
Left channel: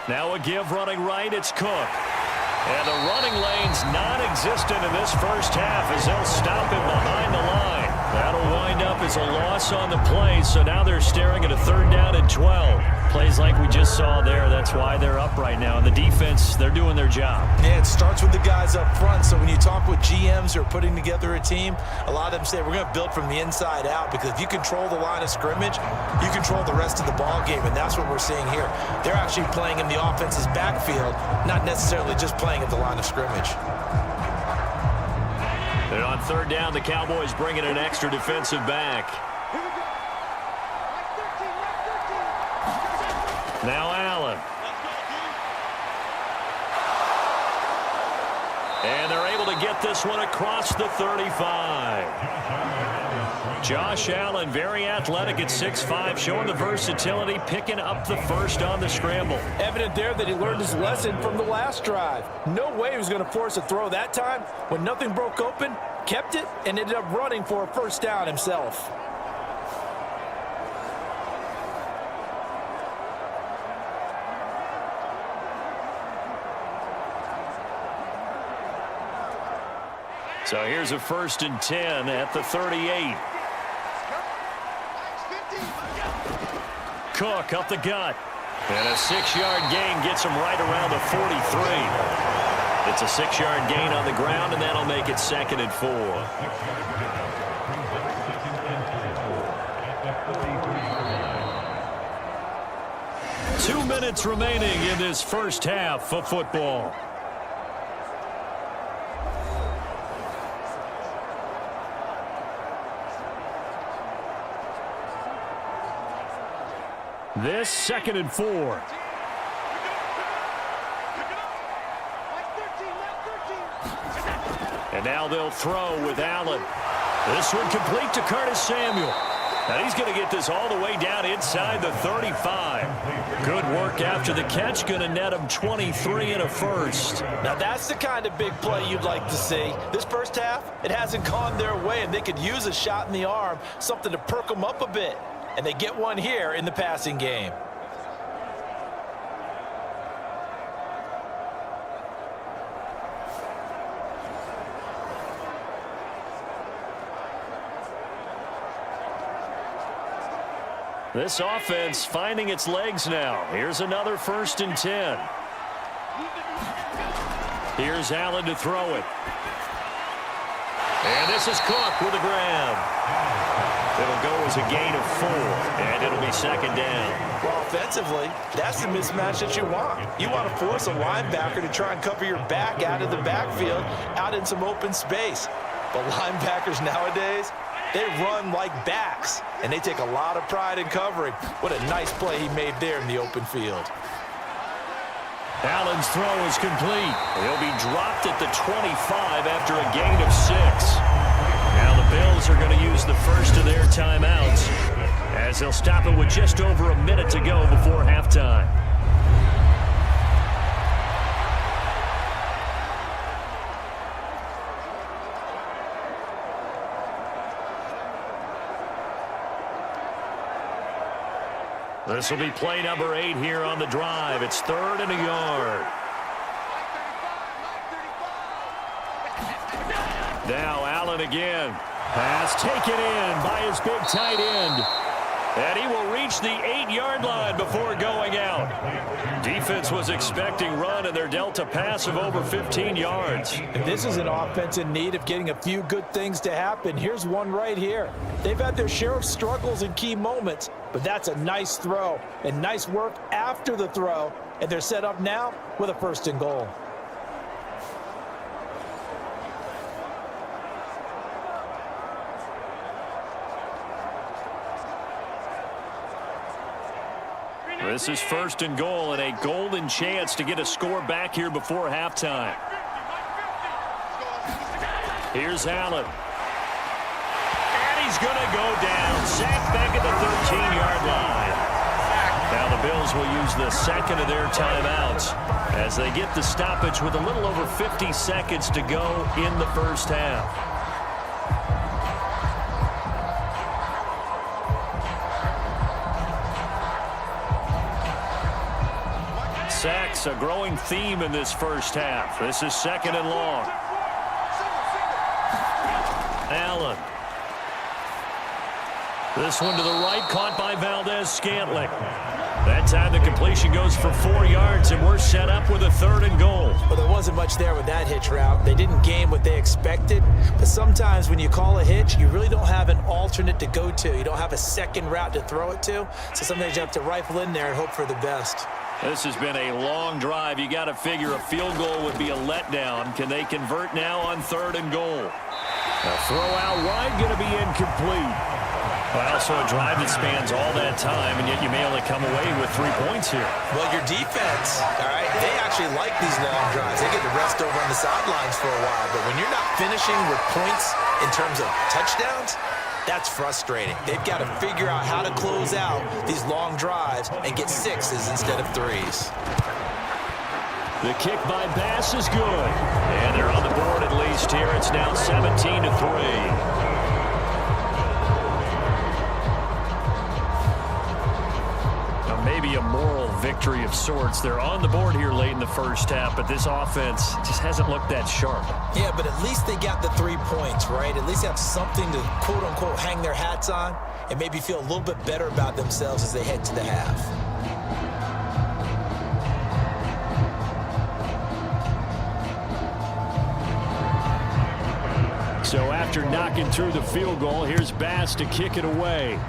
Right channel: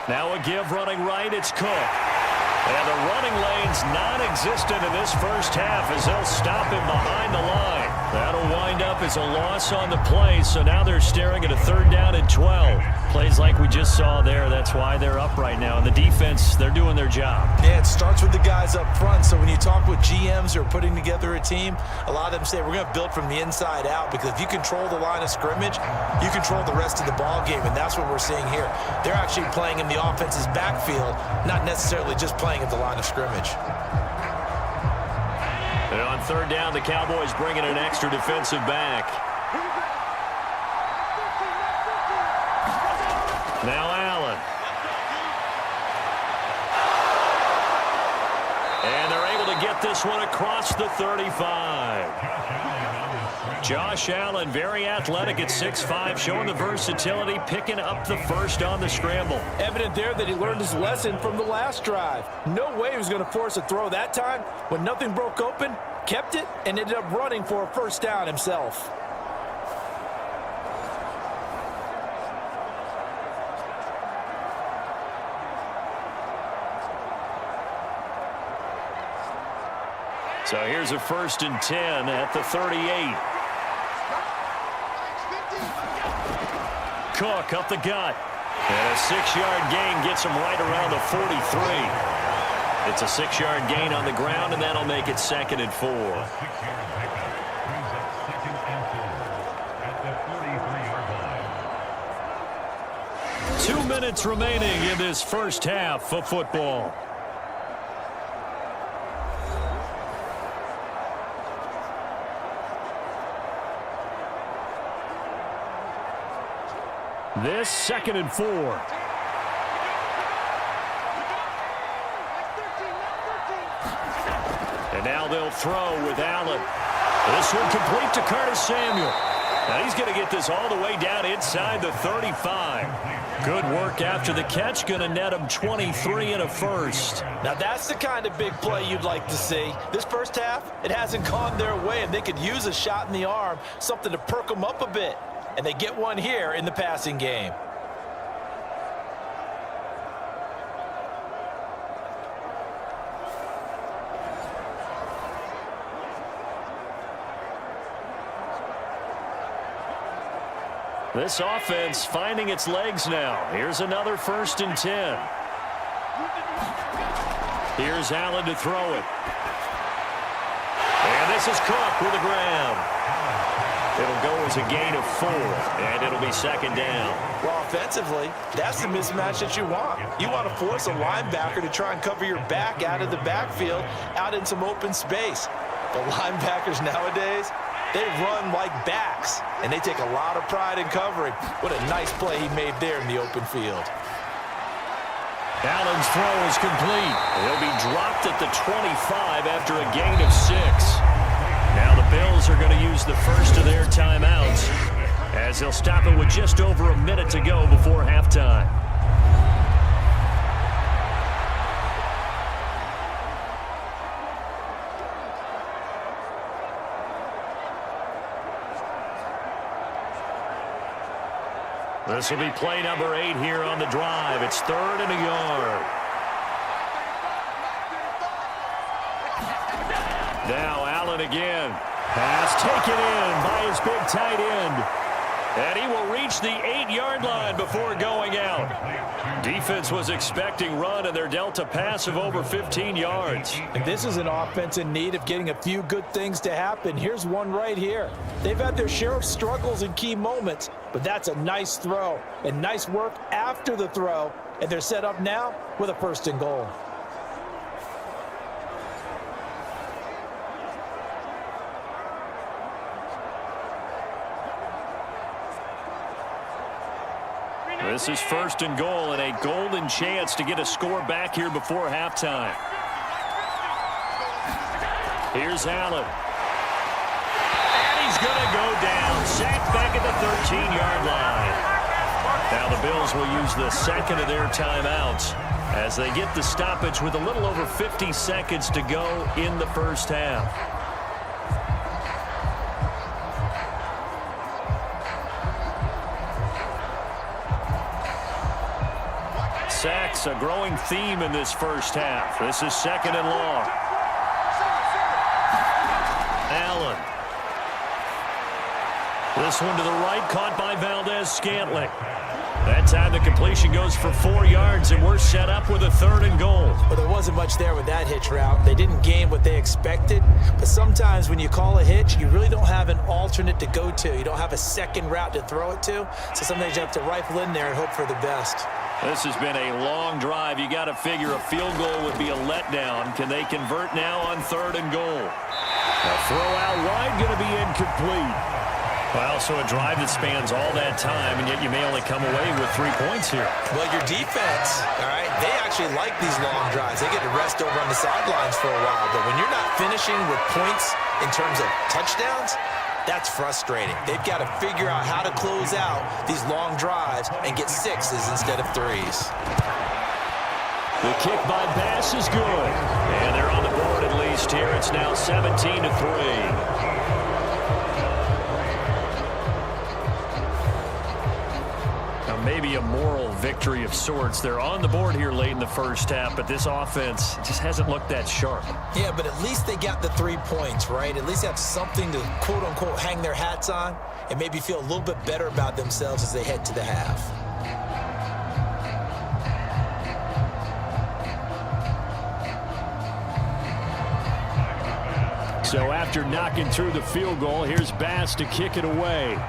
Now a give running right, it's Cook. And the running lane's non-existent in this first half as they'll stop him behind the line. That'll wind up as a loss on the play, so now they're staring at a 3rd down and 12. Plays like we just saw there, that's why they're up right now. And the defense, they're doing their job. Yeah, it starts with the guys up front, so when you talk with GMs who are putting together a team, a lot of them say we're going to build from the inside out, because if you control the line of scrimmage, you control the rest of the ball game, and that's what we're seeing here. They're actually playing in the offense's backfield, not necessarily just playing at the line of scrimmage. And on 3rd down, the Cowboys bring in an extra defensive back. Now Allen. And they're able to get this one across the 35. Josh Allen, very athletic at 6'5", showing the versatility, picking up the first on the scramble. Evident there that he learned his lesson from the last drive. No way he was going to force a throw that time. When nothing broke open, kept it, and ended up running for a 1st down himself. So here's a 1st and 10 at the 38. Cook up the gut. And a 6-yard gain gets him right around the 43. It's a 6-yard gain on the ground, and that'll make it 2nd and 4. Two minutes remaining in this first half of football. This 2nd and 4. And now they'll throw with Allen. This one complete to Curtis Samuel. Now he's going to get this all the way down inside the 35. Good work after the catch. Going to net him 23 and a 1st. Now that's the kind of big play you'd like to see. This first half, it hasn't gone their way, and they could use a shot in the arm, something to perk them up a bit. And they get one here in the passing game. This offense finding its legs now. Here's another 1st and 10. Here's Allen to throw it. And this is Cook with a grab. It'll go as a gain of 4, and it'll be 2nd down. Well, offensively, that's the mismatch that you want. You want to force a linebacker to try and cover your back out of the backfield, out in some open space. But linebackers nowadays, they run like backs, and they take a lot of pride in covering. What a nice play he made there in the open field. Allen's throw is complete. He'll be dropped at the 25 after a gain of 6. Now the Bills are going to use the first of their timeouts as they'll stop it with just over a minute to go before halftime. This will be play number 8 here on the drive. It's 3rd and a yard. Now Allen again. Pass taken in by his big tight end. And he will reach the 8-yard line before going out. Defense was expecting run, and they're dealt a pass of over 15 yards. And this is an offense in need of getting a few good things to happen. Here's one right here. They've had their share of struggles in key moments, but that's a nice throw and nice work after the throw. And they're set up now with a 1st and goal. This is 1st and goal and a golden chance to get a score back here before halftime. Here's Allen. And he's going to go down. Sacked back at the 13-yard line. Now the Bills will use the 2nd of their timeouts as they get the stoppage with a little over 50 seconds to go in the first half. Sacks, a growing theme in this first half. This is 2nd and long. Allen. This one to the right, caught by Valdez-Scantling. That time the completion goes for 4 yards, and we're set up with a 3rd and goal. Well, there wasn't much there with that hitch route. They didn't gain what they expected, but sometimes when you call a hitch, you really don't have an alternate to go to. You don't have a second route to throw it to, so sometimes you have to rifle in there and hope for the best. This has been a long drive. You got to figure a field goal would be a letdown. Can they convert now on 3rd and goal? A throw out wide going to be incomplete. Well, so a drive that spans all that time, and yet you may only come away with 3 points here. Well, your defense, all right, they actually like these long drives. They get to rest over on the sidelines for a while, but when you're not finishing with points in terms of touchdowns, that's frustrating. They've got to figure out how to close out these long drives and get 6s instead of 3s. The kick by Bass is good. And they're on the board at least here. It's now 17-3. Maybe a moral victory of sorts. They're on the board here late in the first half, but this offense just hasn't looked that sharp. Yeah, but at least they got the 3 points, right? At least they have something to, quote-unquote, hang their hats on and maybe feel a little bit better about themselves as they head to the half. So after knocking through the field goal, here's Bass to kick it away.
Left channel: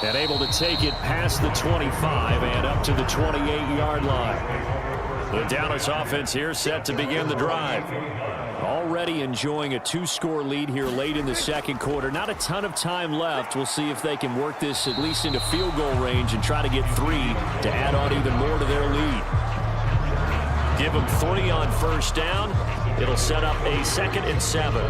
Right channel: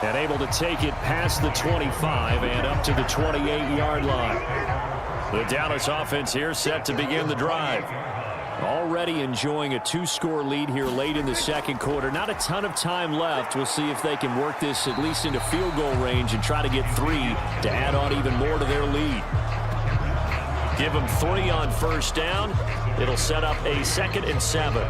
And able to take it past the 25 and up to the 28-yard line. The Dallas offense here set to begin the drive. Already enjoying a 2-score lead here late in the second quarter. Not a ton of time left. We'll see if they can work this at least into field goal range and try to get 3 to add on even more to their lead. Give them 3 on first down. It'll set up a 2nd and 7.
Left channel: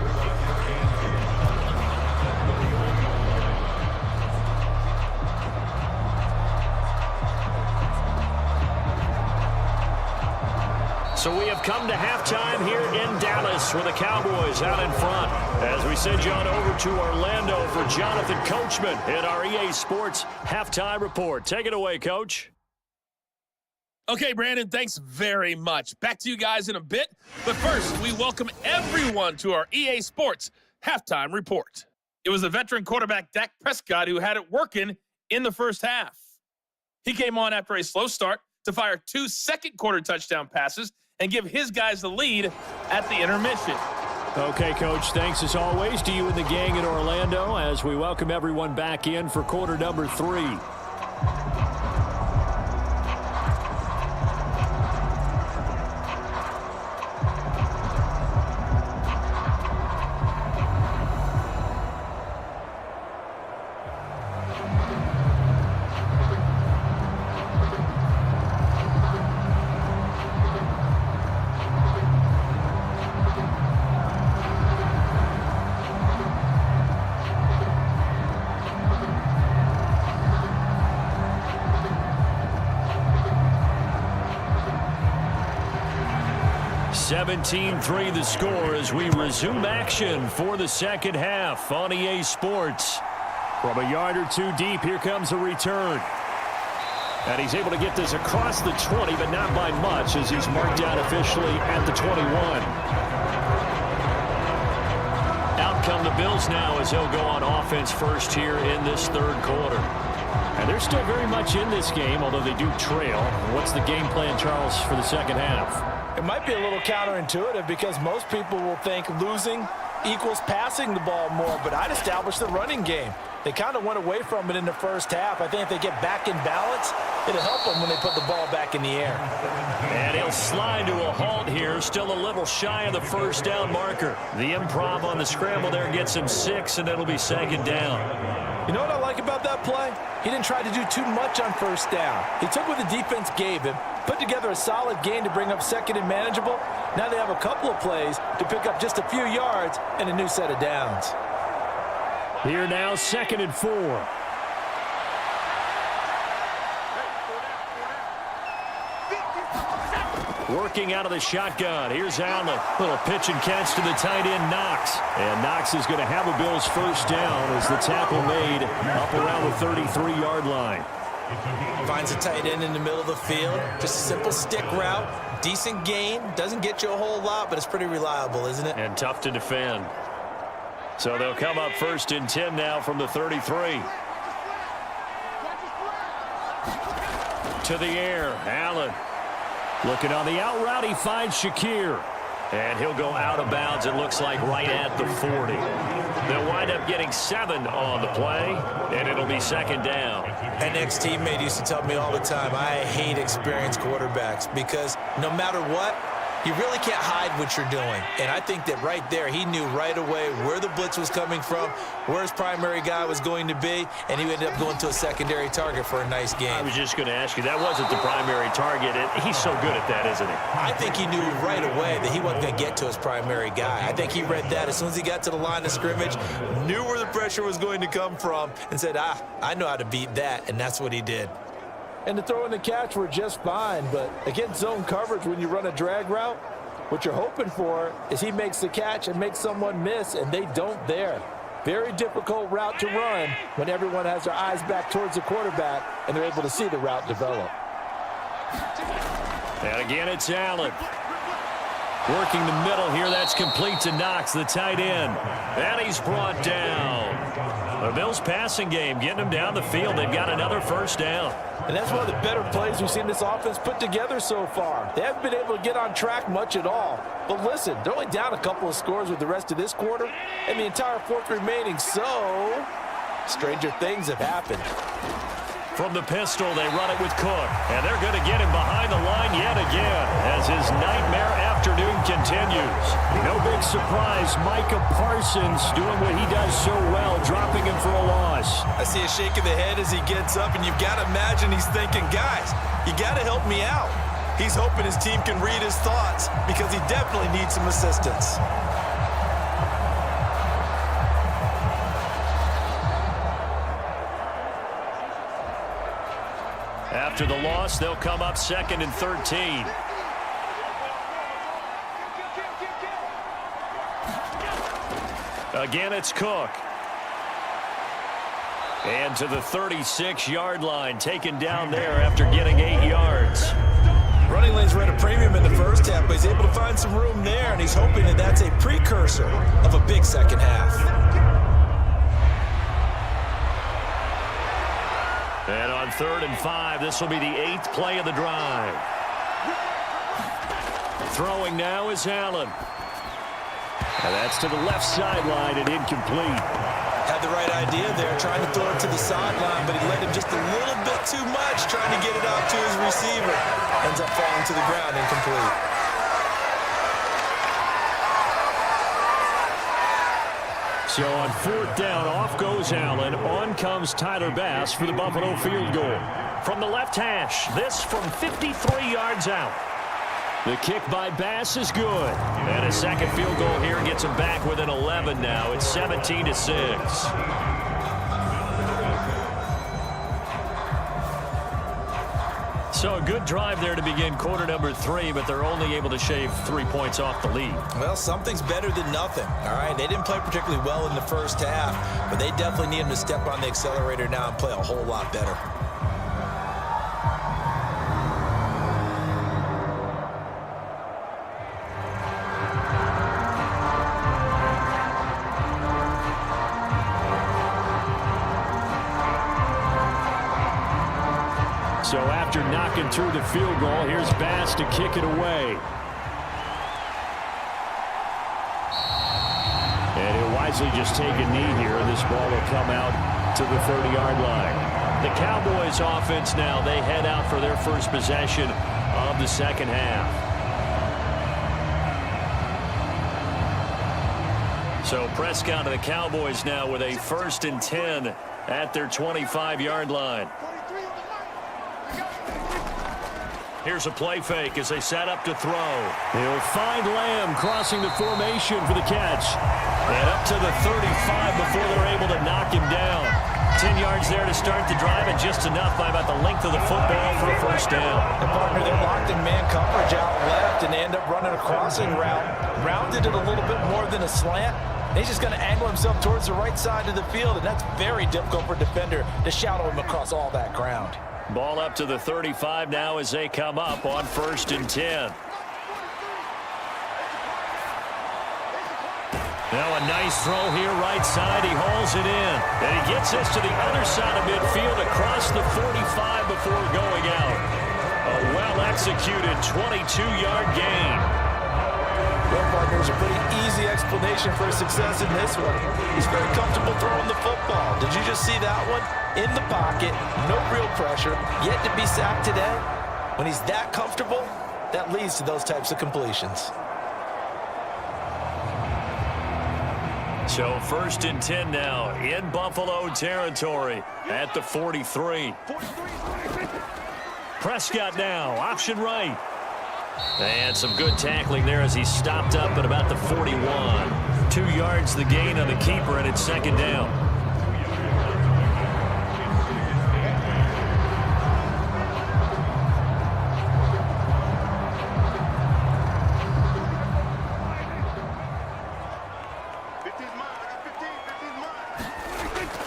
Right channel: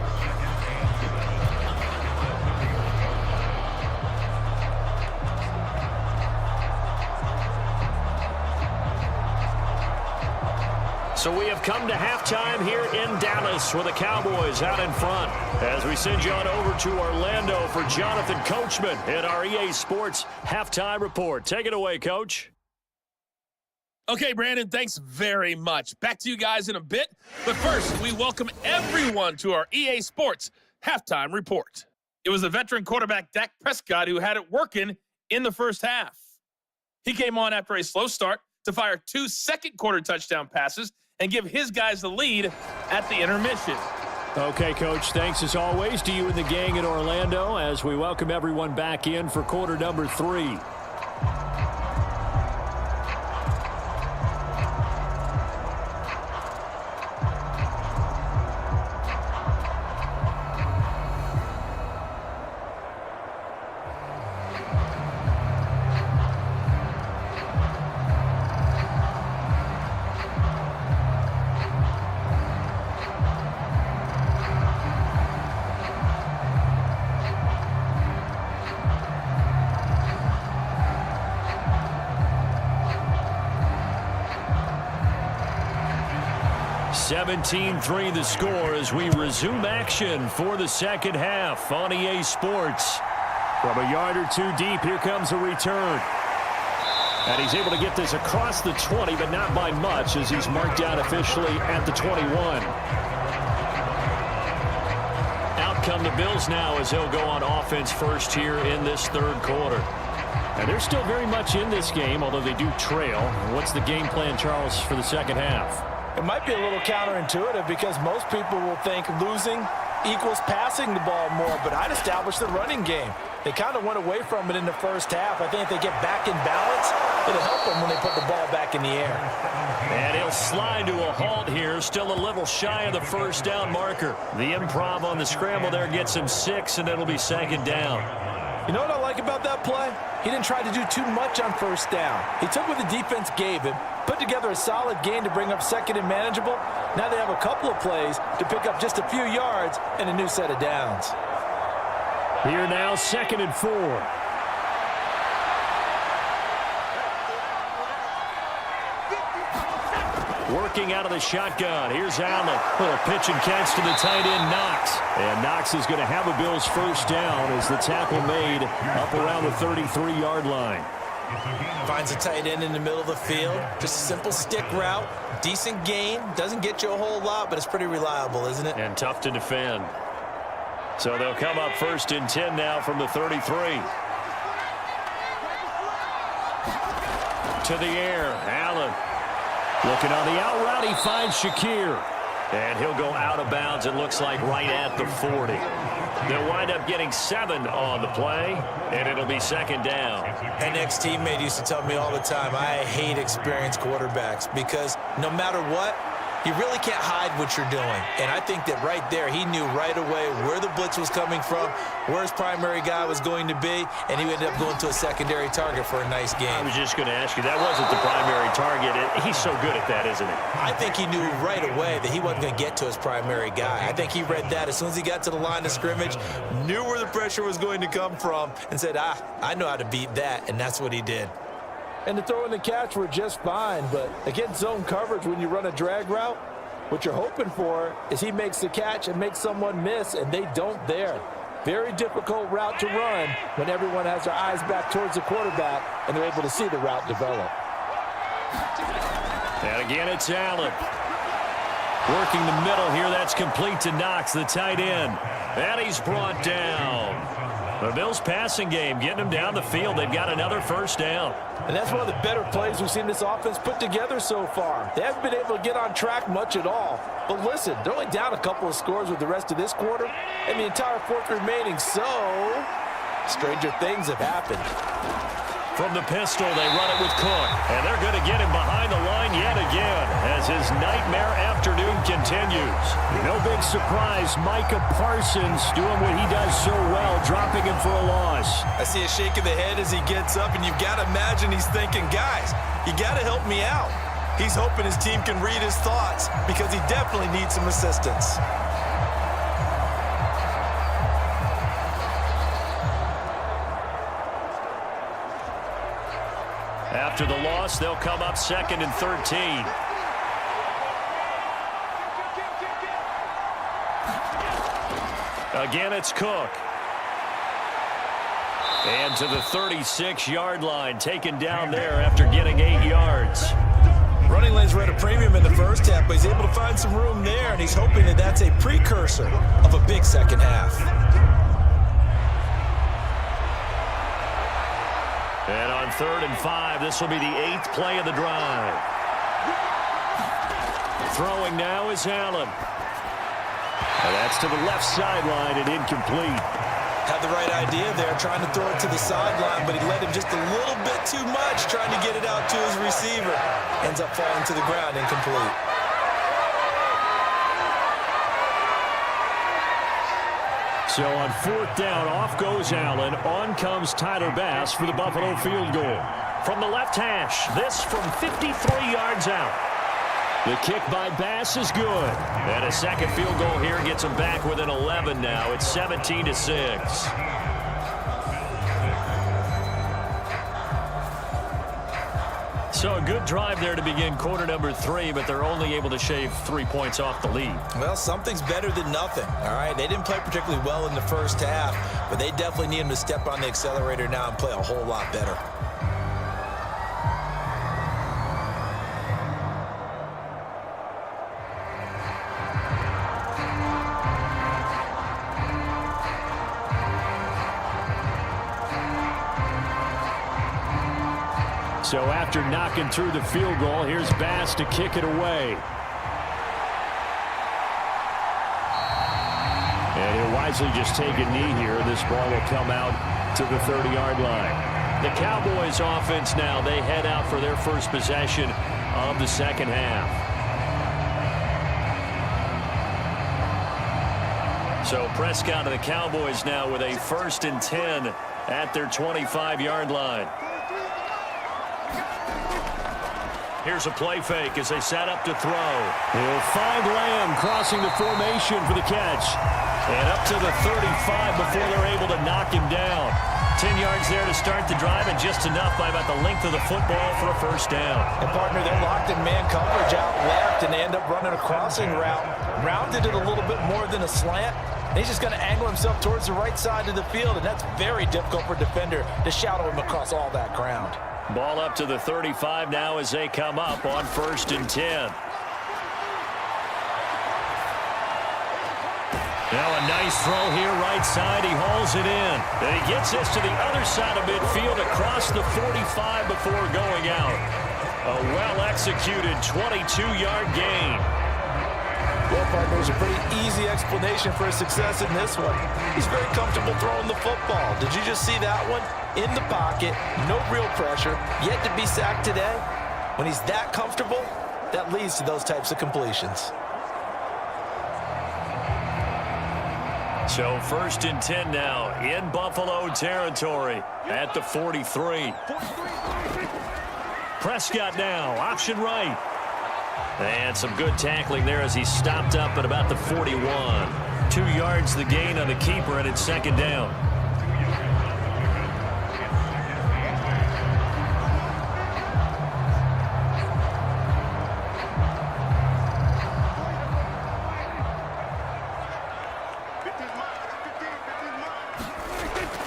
So we have come to halftime here in Dallas with the Cowboys out in front. As we send you on over to Orlando for Jonathan Coachman in our EA Sports Halftime Report. Take it away, Coach. Okay, Brandon, thanks very much. Back to you guys in a bit. But first, we welcome everyone to our EA Sports Halftime Report. It was the veteran quarterback Dak Prescott who had it working in the first half. He came on after a slow start to fire 2 second-quarter touchdown passes and give his guys the lead at the intermission. Okay, Coach, thanks as always to you and the gang in Orlando as we welcome everyone back in for quarter number 3. 17-3 the score as we resume action for the second half on EA Sports. From a yard or two deep, here comes a return. And he's able to get this across the 20, but not by much as he's marked down officially at the 21. Out come the Bills now as he'll go on offense first here in this third quarter. And they're still very much in this game, although they do trail. What's the game plan, Charles, for the second half? It might be a little counterintuitive because most people will think losing equals passing the ball more, but I'd establish the running game. They kind of went away from it in the first half. I think if they get back in balance, it'll help them when they put the ball back in the air. And he'll slide to a halt here, still a little shy of the first down marker. The improv on the scramble there gets him 6, and it'll be second down. You know what I like about that play? He didn't try to do too much on first down. He took what the defense gave him, put together a solid gain to bring up second and manageable. Now they have a couple of plays to pick up just a few yards and a new set of downs. Here now, 2nd and 4. Working out of the shotgun. Here's Allen. Little pitch and catch to the tight end, Knox. And Knox is going to have a Bills first down as the tackle made up around the 33-yard line. Finds a tight end in the middle of the field. Just a simple stick route. Decent gain. Doesn't get you a whole lot, but it's pretty reliable, isn't it? And tough to defend. So they'll come up 1st and 10 now from the 33. To the air, Allen. Looking on the out route, he finds Shakir. And he'll go out of bounds, it looks like, right at the 40. They'll wind up getting 7 on the play, and it'll be second down. An ex-teammate used to tell me all the time, I hate experienced quarterbacks because no matter what, you really can't hide what you're doing. And I think that right there, he knew right away where the blitz was coming from, where his primary guy was going to be, and he ended up going to a secondary target for a nice game. I was just going to ask you, that wasn't the primary target. He's so good at that, isn't he? I think he knew right away that he wasn't going to get to his primary guy. I think he read that as soon as he got to the line of scrimmage, knew where the pressure was going to come from, and said, I know how to beat that, and that's what he did. And the throw and the catch were just fine, but against zone coverage, when you run a drag route, what you're hoping for is he makes the catch and makes someone miss, and they don't there. Very difficult route to run when everyone has their eyes back towards the quarterback and they're able to see the route develop. And again, it's Allen. Working the middle here, that's complete to Knox, the tight end. And he's brought down. The Bills passing game, getting them down the field. They've got another first down. And that's one of the better plays we've seen this offense put together so far. They haven't been able to get on track much at all. But listen, they're only down a couple of scores with the rest of this quarter and the entire fourth remaining. So, stranger things have happened. From the pistol, they run it with Cook. And they're going to get him behind the line yet again as his nightmare afternoon continues. No big surprise, Micah Parsons doing what he does so well, dropping him for a loss. I see a shake of the head as he gets up, and you've got to imagine he's thinking, guys, you got to help me out. He's hoping his team can read his thoughts because he definitely needs some assistance. After the loss, they'll come up 2nd and 13. Again, it's Cook. And to the 36-yard line, taken down there after getting 8 yards. Running lanes were at a premium in the first half, but he's able to find some room there, and he's hoping that that's a precursor of a big second half. And on 3rd and 5, this will be the 8th play of the drive. Throwing now is Allen. And that's to the left sideline and incomplete. Had the right idea there, trying to throw it to the sideline, but he let him just a little bit too much, trying to get it out to his receiver. Ends up falling to the ground, incomplete. So on 4th down, off goes Allen. On comes Tyler Bass for the Buffalo field goal. From the left hash, this from 53 yards out. The kick by Bass is good. And a second field goal here gets him back within 11 now. It's 17-6. So a good drive there to begin quarter number 3, but they're only able to shave 3 points off the lead. Well, something's better than nothing, all right? They didn't play particularly well in the first half, but they definitely need them to step on the accelerator now and play a whole lot better. So after knocking through the field goal, here's Bass to kick it away. And he'll wisely just take a knee here, and this ball will come out to the 30-yard line. The Cowboys offense now, they head out for their first possession of the second half. So Prescott and the Cowboys now with a 1st and 10 at their 25-yard line. Here's a play fake as they set up to throw. He'll find Lamb crossing the formation for the catch. And up to the 35 before they're able to knock him down. 10 yards there to start the drive, and just enough by about the length of the football for a first down. And, partner, they're locked in man coverage out left, and they end up running a crossing route. Rounded it a little bit more than a slant. And he's just going to angle himself towards the right side of the field, and that's very difficult for a defender to shadow him across all that ground. Ball up to the 35 now as they come up on 1st and 10. Now a nice throw here right side. He hauls it in. And he gets this to the other side of midfield across the 45 before going out. A well-executed 22-yard gain. Well, partner, there's a pretty easy explanation for his success in this one. He's very comfortable throwing the football. Did you just see that one? In the pocket, no real pressure, yet to be sacked today. When he's that comfortable, that leads to those types of completions. So 1st and 10 now in Buffalo territory at the 43. Prescott now, option right. And some good tackling there as he stopped up at about the 41. 2 yards the gain on the keeper, and it's 2nd down.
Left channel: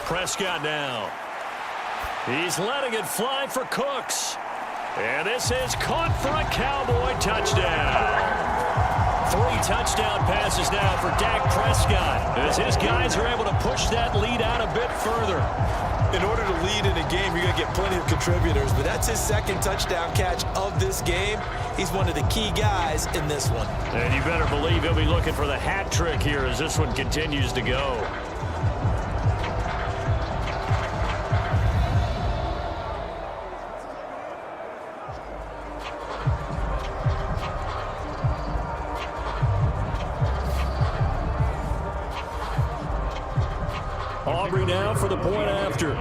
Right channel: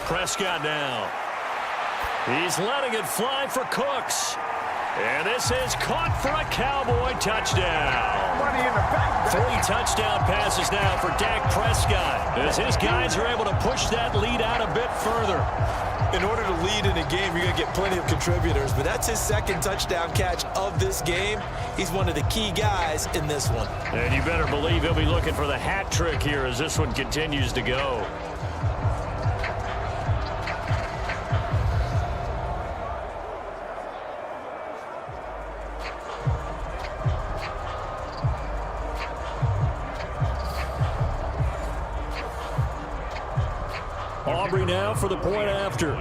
Prescott now. He's letting it fly for Cooks. And this is caught for a Cowboy touchdown. 3 touchdown passes now for Dak Prescott, as his guys are able to push that lead out a bit further. In order to lead in a game, you're going to get plenty of contributors, but that's his 2nd touchdown catch of this game. He's one of the key guys in this one. And you better believe he'll be looking for the hat trick here as this one continues to go. Aubrey now for the point after.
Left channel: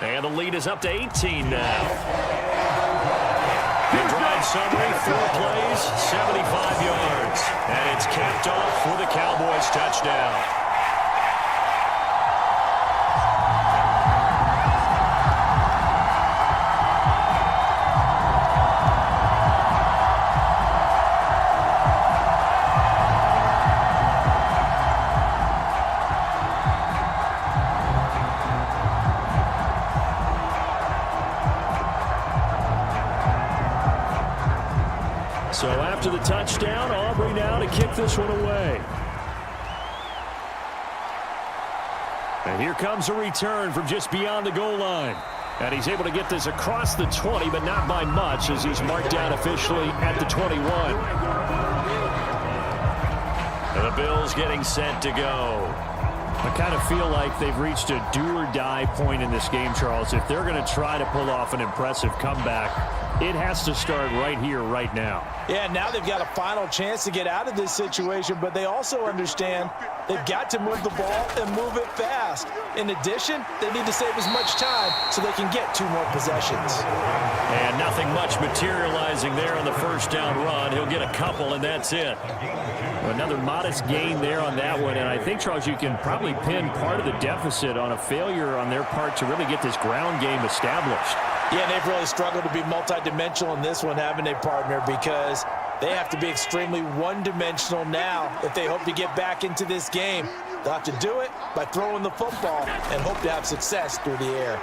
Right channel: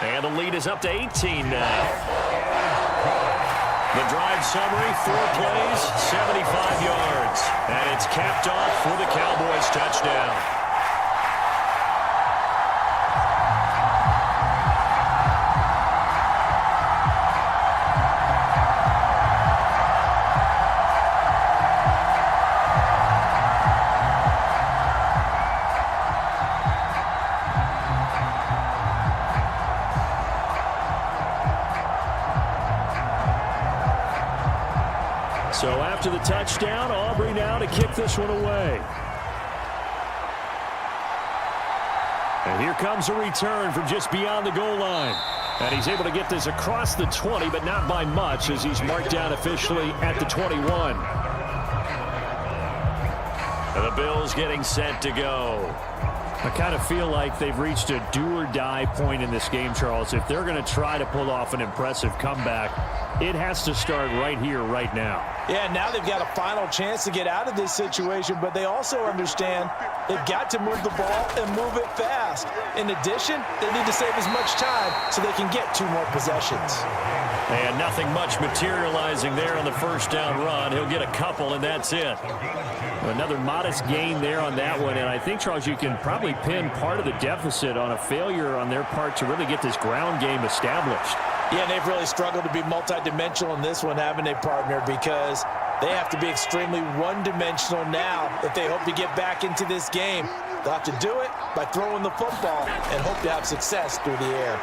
And the lead is up to 18 now. The drive summary, 4 plays, 75 yards. And it's capped off with a Cowboys touchdown. So after the touchdown, Aubrey now to kick this one away. And here comes a return from just beyond the goal line. And he's able to get this across the 20, but not by much, as he's marked down officially at the 21. And the Bills getting set to go. I kind of feel like they've reached a do-or-die point in this game, Charles. If they're going to try to pull off an impressive comeback, it has to start right here, right now. Yeah, now they've got a final chance to get out of this situation, but they also understand they've got to move the ball and move it fast. In addition, they need to save as much time so they can get 2 more possessions. And nothing much materializing there on the first down run. He'll get a couple, and that's it. Another modest gain there on that one, and I think, Charles, you can probably pinned part of the deficit on a failure on their part to really get this ground game established. Yeah, and they've really struggled to be multidimensional in this one, haven't they, partner? Because they have to be extremely one-dimensional now if they hope to get back into this game. They'll have to do it by throwing the football and hope to have success through the air.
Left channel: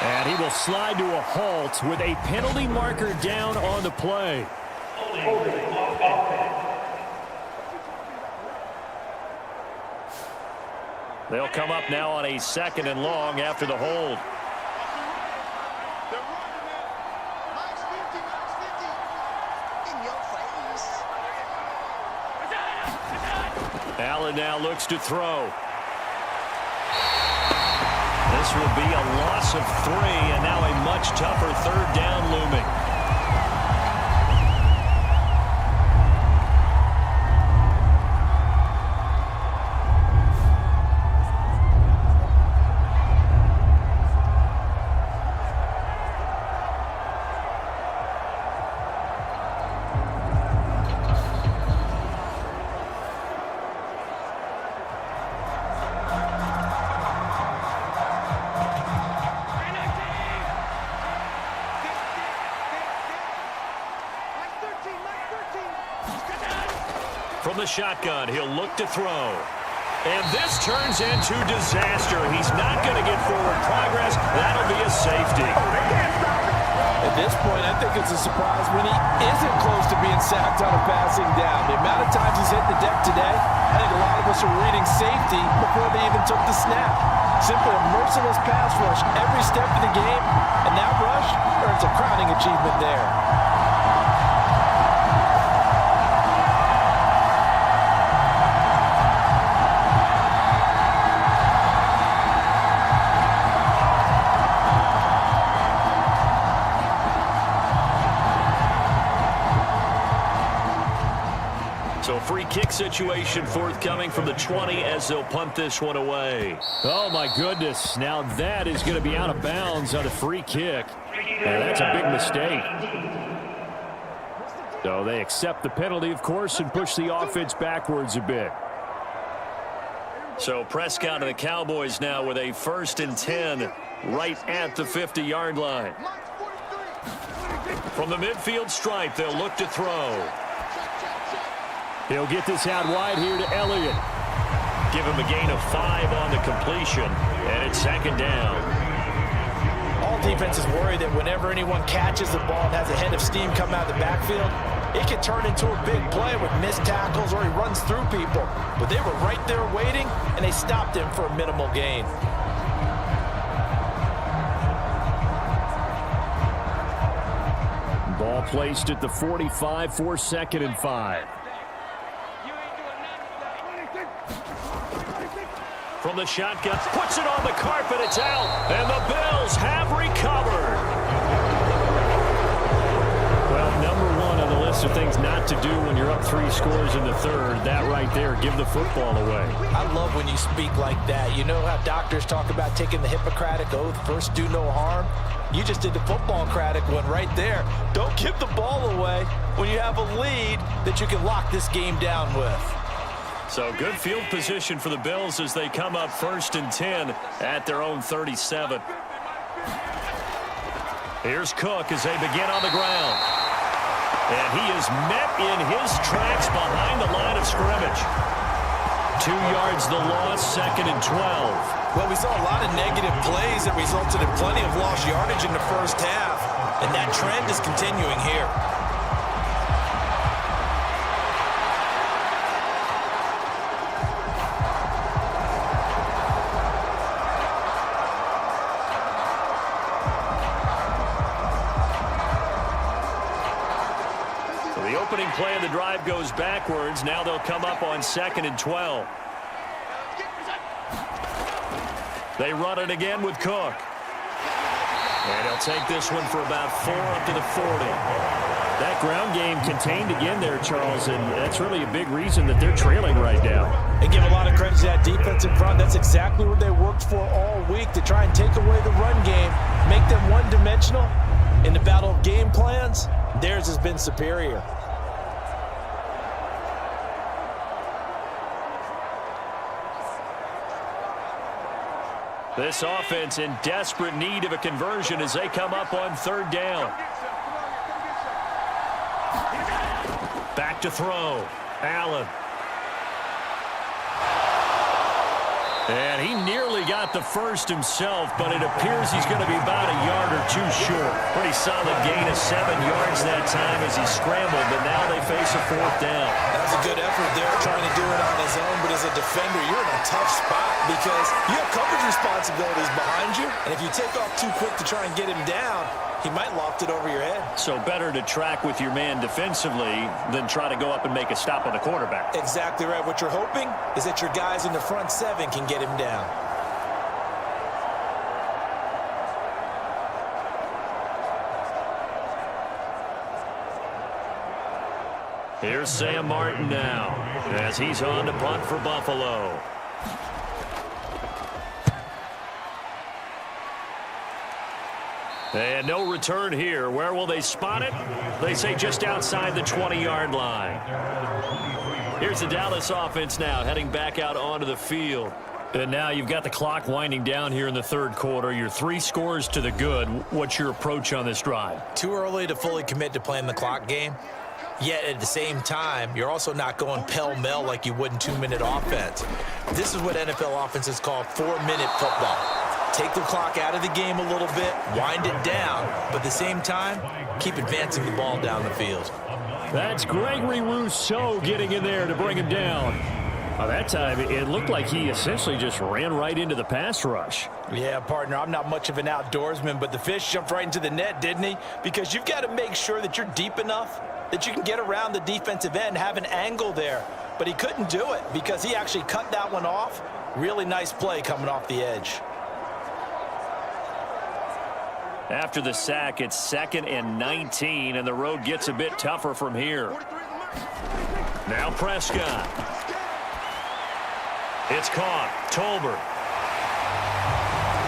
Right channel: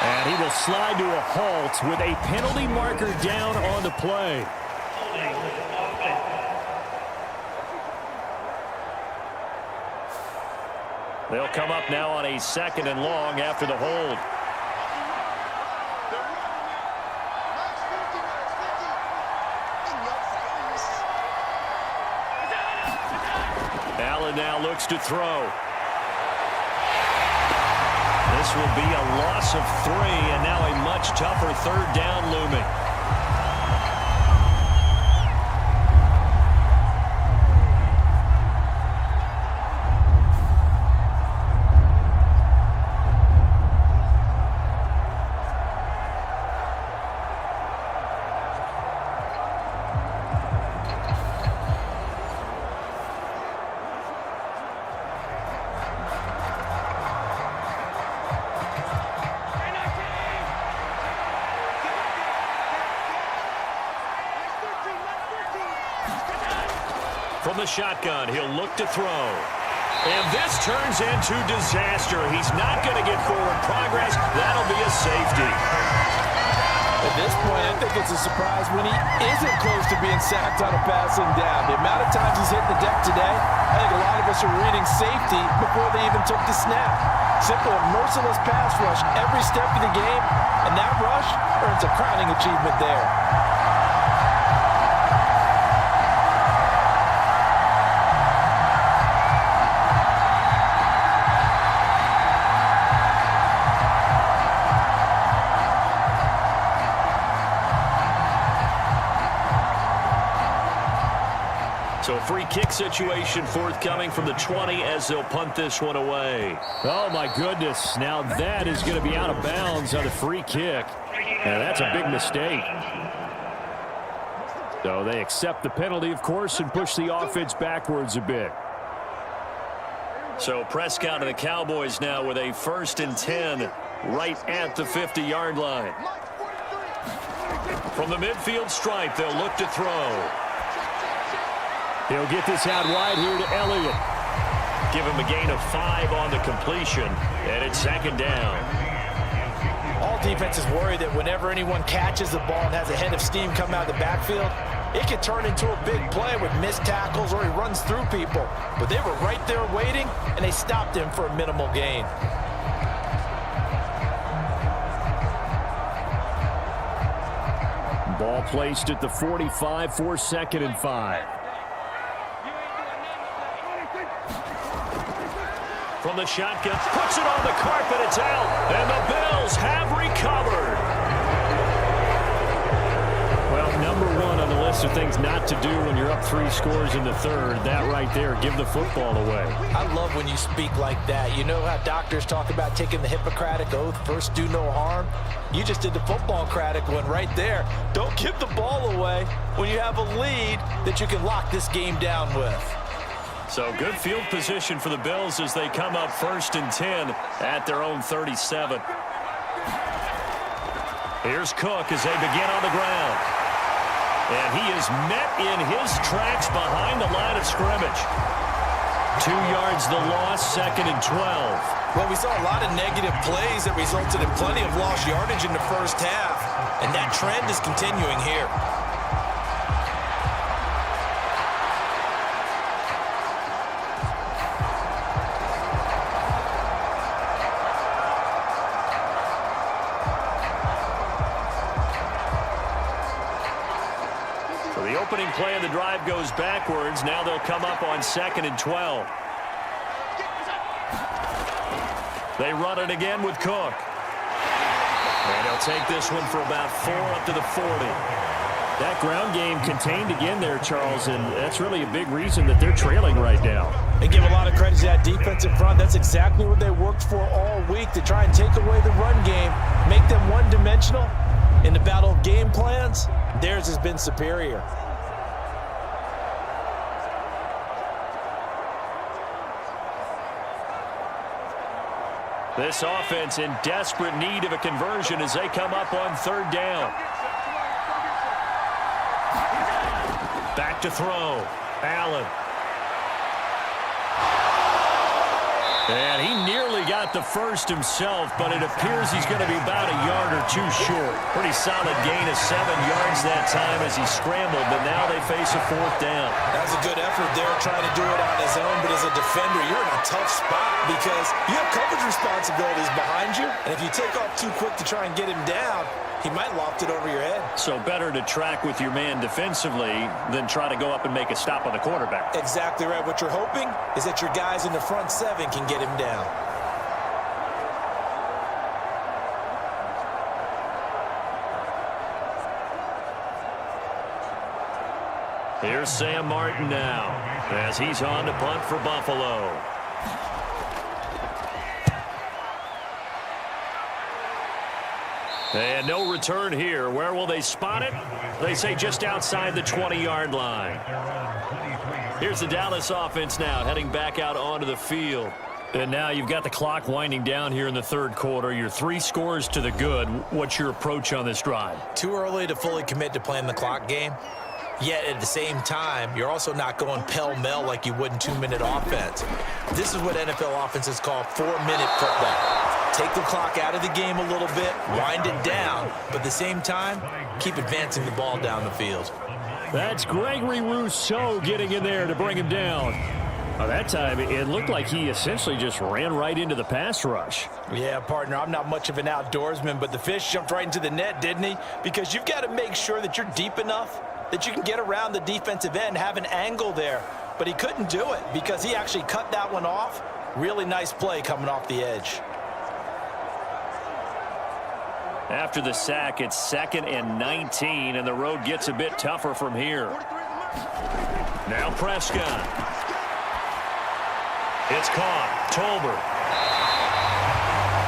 And he will slide to a halt with a penalty marker down on the play. They'll come up now on a 2nd and long after the hold. Allen now looks to throw. This will be a loss of 3, and now a much tougher 3rd down looming. From the shotgun, he'll look to throw. And this turns into disaster. He's not going to get forward progress. That'll be a safety. At this point, I think it's a surprise when he isn't close to being sacked on a passing down. The amount of times he's hit the deck today, I think a lot of us are reading safety before they even took the snap. Simply a merciless pass rush every step of the game, and that rush earns a crowning achievement there. So free kick situation forthcoming from the 20 as they'll punt this one away. Oh, my goodness. Now that is going to be out of bounds on the free kick. And that's a big mistake. So they accept the penalty, of course, and push the offense backwards a bit. So Prescott and the Cowboys now with a 1st and 10 right at the 50-yard line. From the midfield stripe, they'll look to throw. He'll get this out wide here to Elliott. Give him a gain of 5 on the completion, and it's 2nd down. All defenses worry that whenever anyone catches the ball and has a head of steam come out of the backfield, it can turn into a big play with missed tackles or he runs through people. But they were right there waiting, and they stopped him for a minimal gain. Ball placed at the 45 for 2nd and 5. From the shotgun, puts it on the carpet, it's out, and the Bills have recovered. Well, number 1 on the list of things not to do when you're up 3 scores in the 3rd, that right there, give the football away. I love when you speak like that. You know how doctors talk about taking the Hippocratic Oath, first do no harm? You just did the football-cratic one right there. Don't give the ball away when you have a lead that you can lock this game down with. So good field position for the Bills as they come up 1st and 10 at their own 37. Here's Cook as they begin on the ground. And he is met in his tracks behind the line of scrimmage. 2 yards the loss, 2nd and 12. Well, we saw a lot of negative plays that resulted in plenty of lost yardage in the first half. And that trend is continuing here. The opening play of the drive goes backwards. Now they'll come up on 2nd and 12. They run it again with Cook. And he'll take this one for about 4 up to the 40. That ground game contained again there, Charles, and that's really a big reason that they're trailing right now. And give a lot of credit to that defense in front. That's exactly what they worked for all week, to try and take away the run game, make them one-dimensional. In the battle of game plans, theirs has been superior. This offense in desperate need of a conversion as they come up on third down. Back to throw. Allen. And he nearly got the first himself, but it appears he's going to be about a yard or two short. Pretty solid gain of 7 yards that time as he scrambled, but now they face a fourth down. That was a good effort there trying to do it on his own, but as a defender, you're in a tough spot because you have coverage responsibilities behind you, and if you take off too quick to try and get him down, he might loft it over your head. So better to track with your man defensively than try to go up and make a stop on the quarterback. Exactly right. What you're hoping is that your guys in the front 7 can get him down. Here's Sam Martin now as he's on to punt for Buffalo. And no return here. Where will they spot it? They say just outside the 20-yard line. Here's the Dallas offense now heading back out onto the field. And now you've got the clock winding down here in the third quarter. You're 3 scores to the good. What's your approach on this drive? Too early to fully commit to playing the clock game. Yet at the same time, you're also not going pell-mell like you would in 2-minute offense. This is what NFL offenses call 4-minute football. Take the clock out of the game a little bit, wind it down, but at the same time, keep advancing the ball down the field. That's Gregory Rousseau getting in there to bring him down. That time, it looked like he essentially just ran right into the pass rush. Yeah, partner, I'm not much of an outdoorsman, but the fish jumped right into the net, didn't he? Because you've got to make sure that you're deep enough that you can get around the defensive end, have an angle there. But he couldn't do it because he actually cut that one off. Really nice play coming off the edge. After the sack, it's 2nd and 19, and the road gets a bit tougher from here. Now Prescott. It's caught. Tolbert.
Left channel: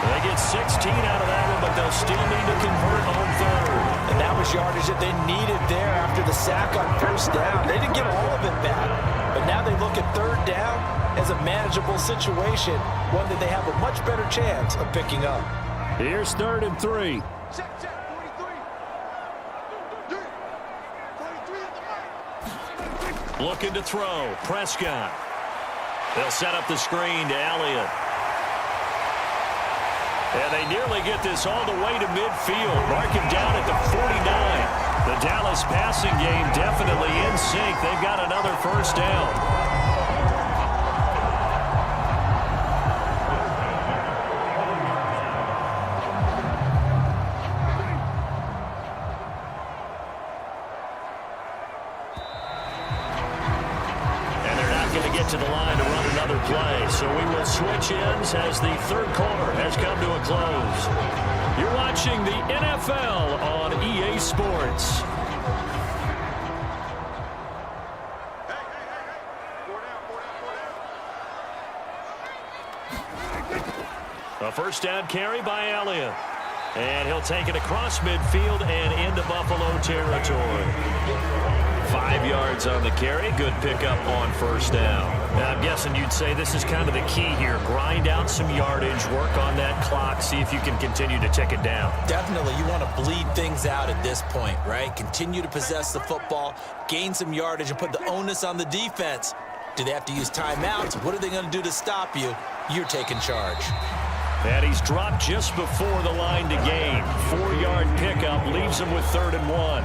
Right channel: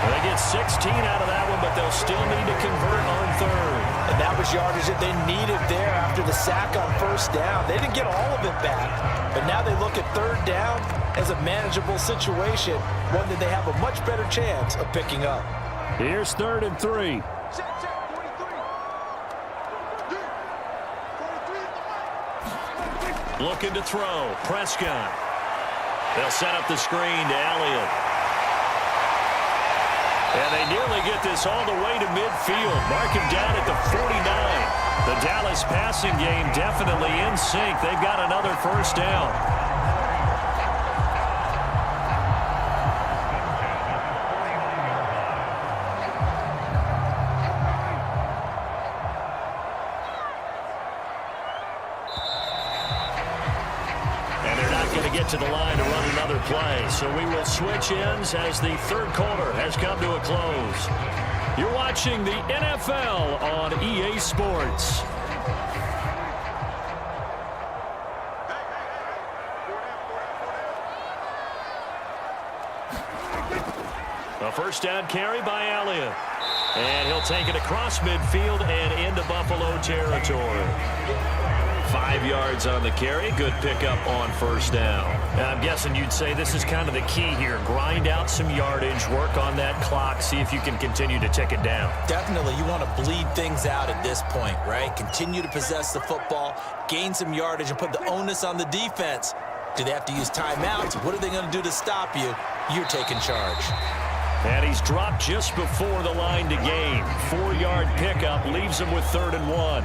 They get 16 out of that one, but they'll still need to convert on third. And that was yardage that they needed there after the sack on first down. They didn't get all of it back, but now they look at third down as a manageable situation, one that they have a much better chance of picking up. Here's 3rd and 3. Check, 43. 43 at the mic. Looking to throw. Prescott. They'll set up the screen to Elliott. And they nearly get this all the way to midfield. Mark him down at the 49. The Dallas passing game definitely in sync. They've got another first down. To the line to run another play. So we will switch ends as the third quarter has come to a close. You're watching the NFL on EA Sports. A first down carry by Elliott. And he'll take it across midfield and into Buffalo territory. 5 yards on the carry. Good pickup on first down. Now, I'm guessing you'd say this is kind of the key here. Grind out some yardage, work on that clock, see if you can continue to tick it down. Definitely. You want to bleed things out at this point, right? Continue to possess the football, gain some yardage, and put the onus on the defense. Do they have to use timeouts? What are they going to do to stop you? You're taking charge. And he's dropped just before the line to gain. 4-yard pickup leaves him with 3rd and 1.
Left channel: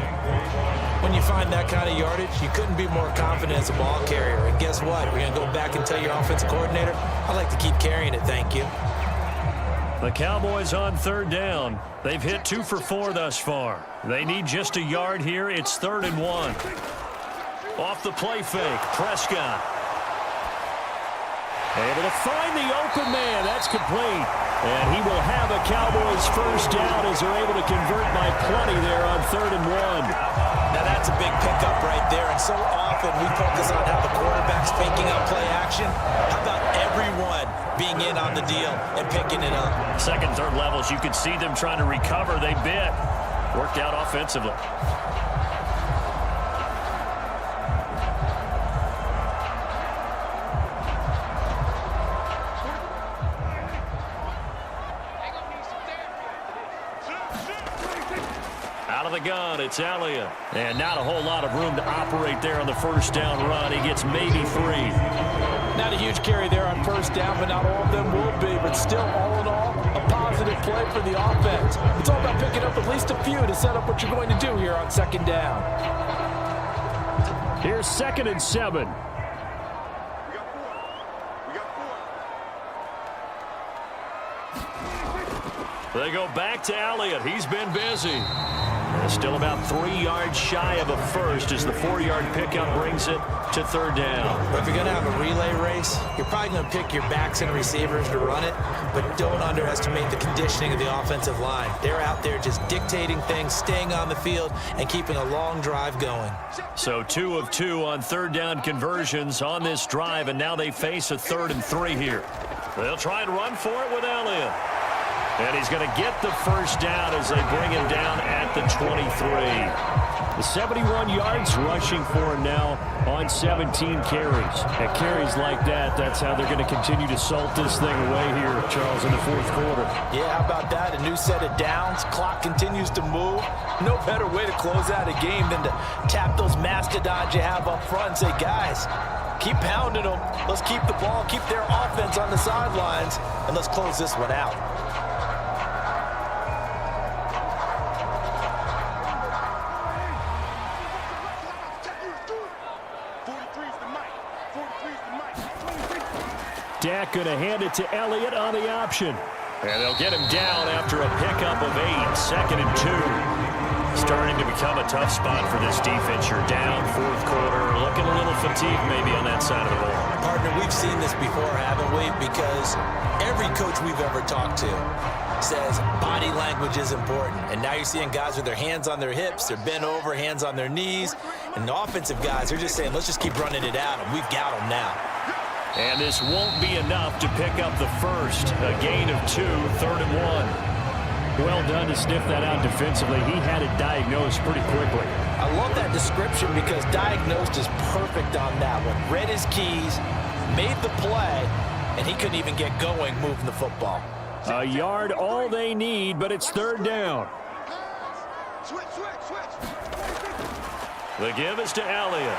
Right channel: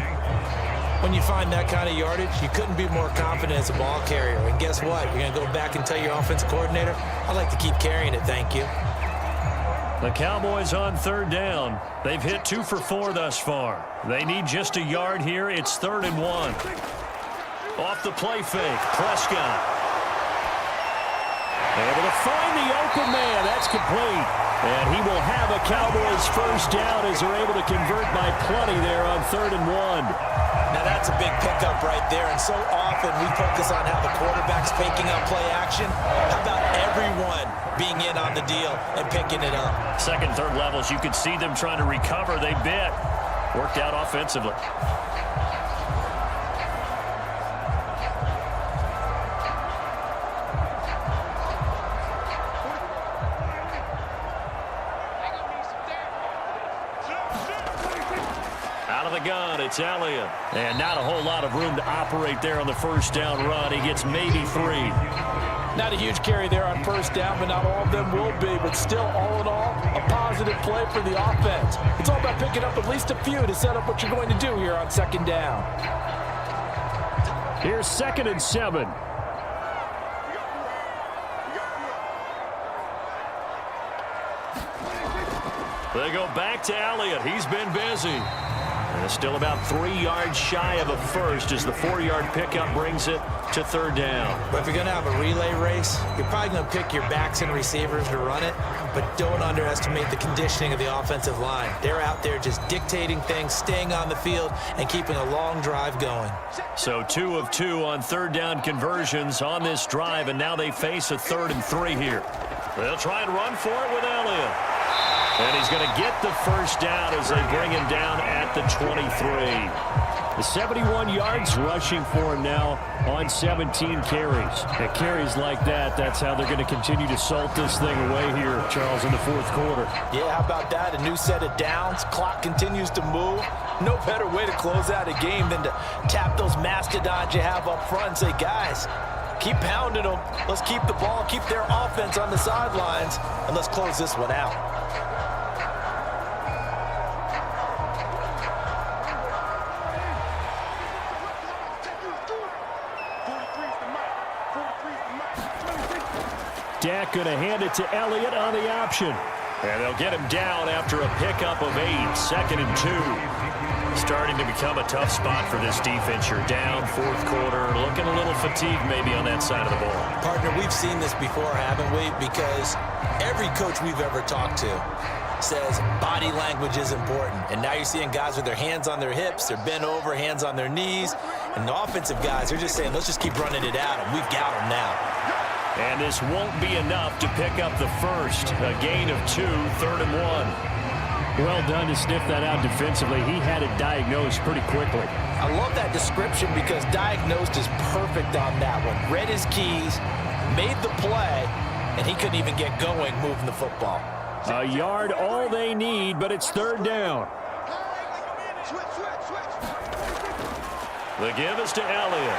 When you find that kind of yardage, you couldn't be more confident as a ball carrier. And guess what? You're going to go back and tell your offensive coordinator, I'd like to keep carrying it, thank you. The Cowboys on 3rd down. They've hit 2 for 4 thus far. They need just a yard here. It's 3rd and 1. Off the play fake, Prescott. Able to find the open man. That's complete. And he will have a Cowboys first down as they're able to convert by plenty there on 3rd and 1. Now that's a big pickup right there, and so often we focus on how the quarterback's faking out play action. How about everyone being in on the deal and picking it up? Second, third levels, you could see them trying to recover. They bit. Worked out offensively. Out of the gun, it's Elliott. And not a whole lot of room to operate there on the first down run. He gets maybe 3. Not a huge carry there on first down, but not all of them will be. But still, all in all, a positive play for the offense. It's all about picking up at least a few to set up what you're going to do here on second down. Here's 2nd and 7. We got 4. We got 4. They go back to Elliott. He's been busy. And still about 3 yards shy of a first as the 4-yard pickup brings it to 3rd down. But if you're going to have a relay race, you're probably going to pick your backs and receivers to run it, but don't underestimate the conditioning of the offensive line. They're out there just dictating things, staying on the field, and keeping a long drive going. So 2 of 2 on 3rd down conversions on this drive, and now they face a 3rd and 3 here. They'll try and run for it with Elliott. And he's going to get the first down as they bring him down at the 23. The 71 yards rushing for him now on 17 carries. At carries like that, that's how they're going to continue to salt this thing away here, Charles, in the 4th quarter. Yeah, how about that? A new set of downs. Clock continues to move. No better way to close out a game than to tap those mastodons you have up front and say, guys, keep pounding them. Let's keep the ball, keep their offense on the sidelines, and let's close this one out. Dak going to hand it to Elliott on the option. And they'll get him down after a pickup of 8. 2nd and 2. Starting to become a tough spot for this defense. You're down 4th quarter. Looking a little fatigued maybe on that side of the ball. Partner, we've seen this before, haven't we? Because every coach we've ever talked to says body language is important. And now you're seeing guys with their hands on their hips, they're bent over, hands on their knees. And the offensive guys are just saying, let's just keep running it at them. We've got them now. And this won't be enough to pick up the first. A gain of 2, 3rd and 1. Well done to sniff that out defensively. He had it diagnosed pretty quickly. I love that description because diagnosed is perfect on that one. Read his keys, made the play, and he couldn't even get going moving the football. A yard all they need, but it's 3rd down. Switch. The give is to Elliott.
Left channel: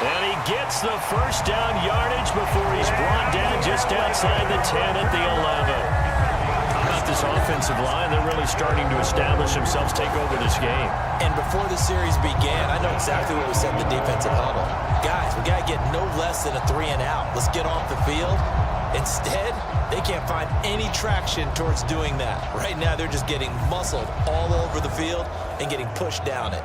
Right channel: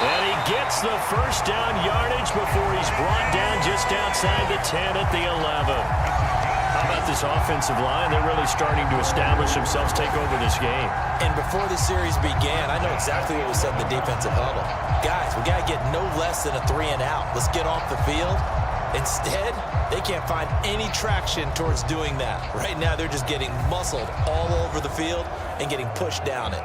And he gets the first down yardage before he's brought down just outside the 10 at the 11. How about this offensive line? They're really starting to establish themselves, take over this game. And before the series began, I know exactly what was said in the defensive huddle. Guys, we got to get no less than a 3 and out. Let's get off the field. Instead, they can't find any traction towards doing that. Right now, they're just getting muscled all over the field and getting pushed down it.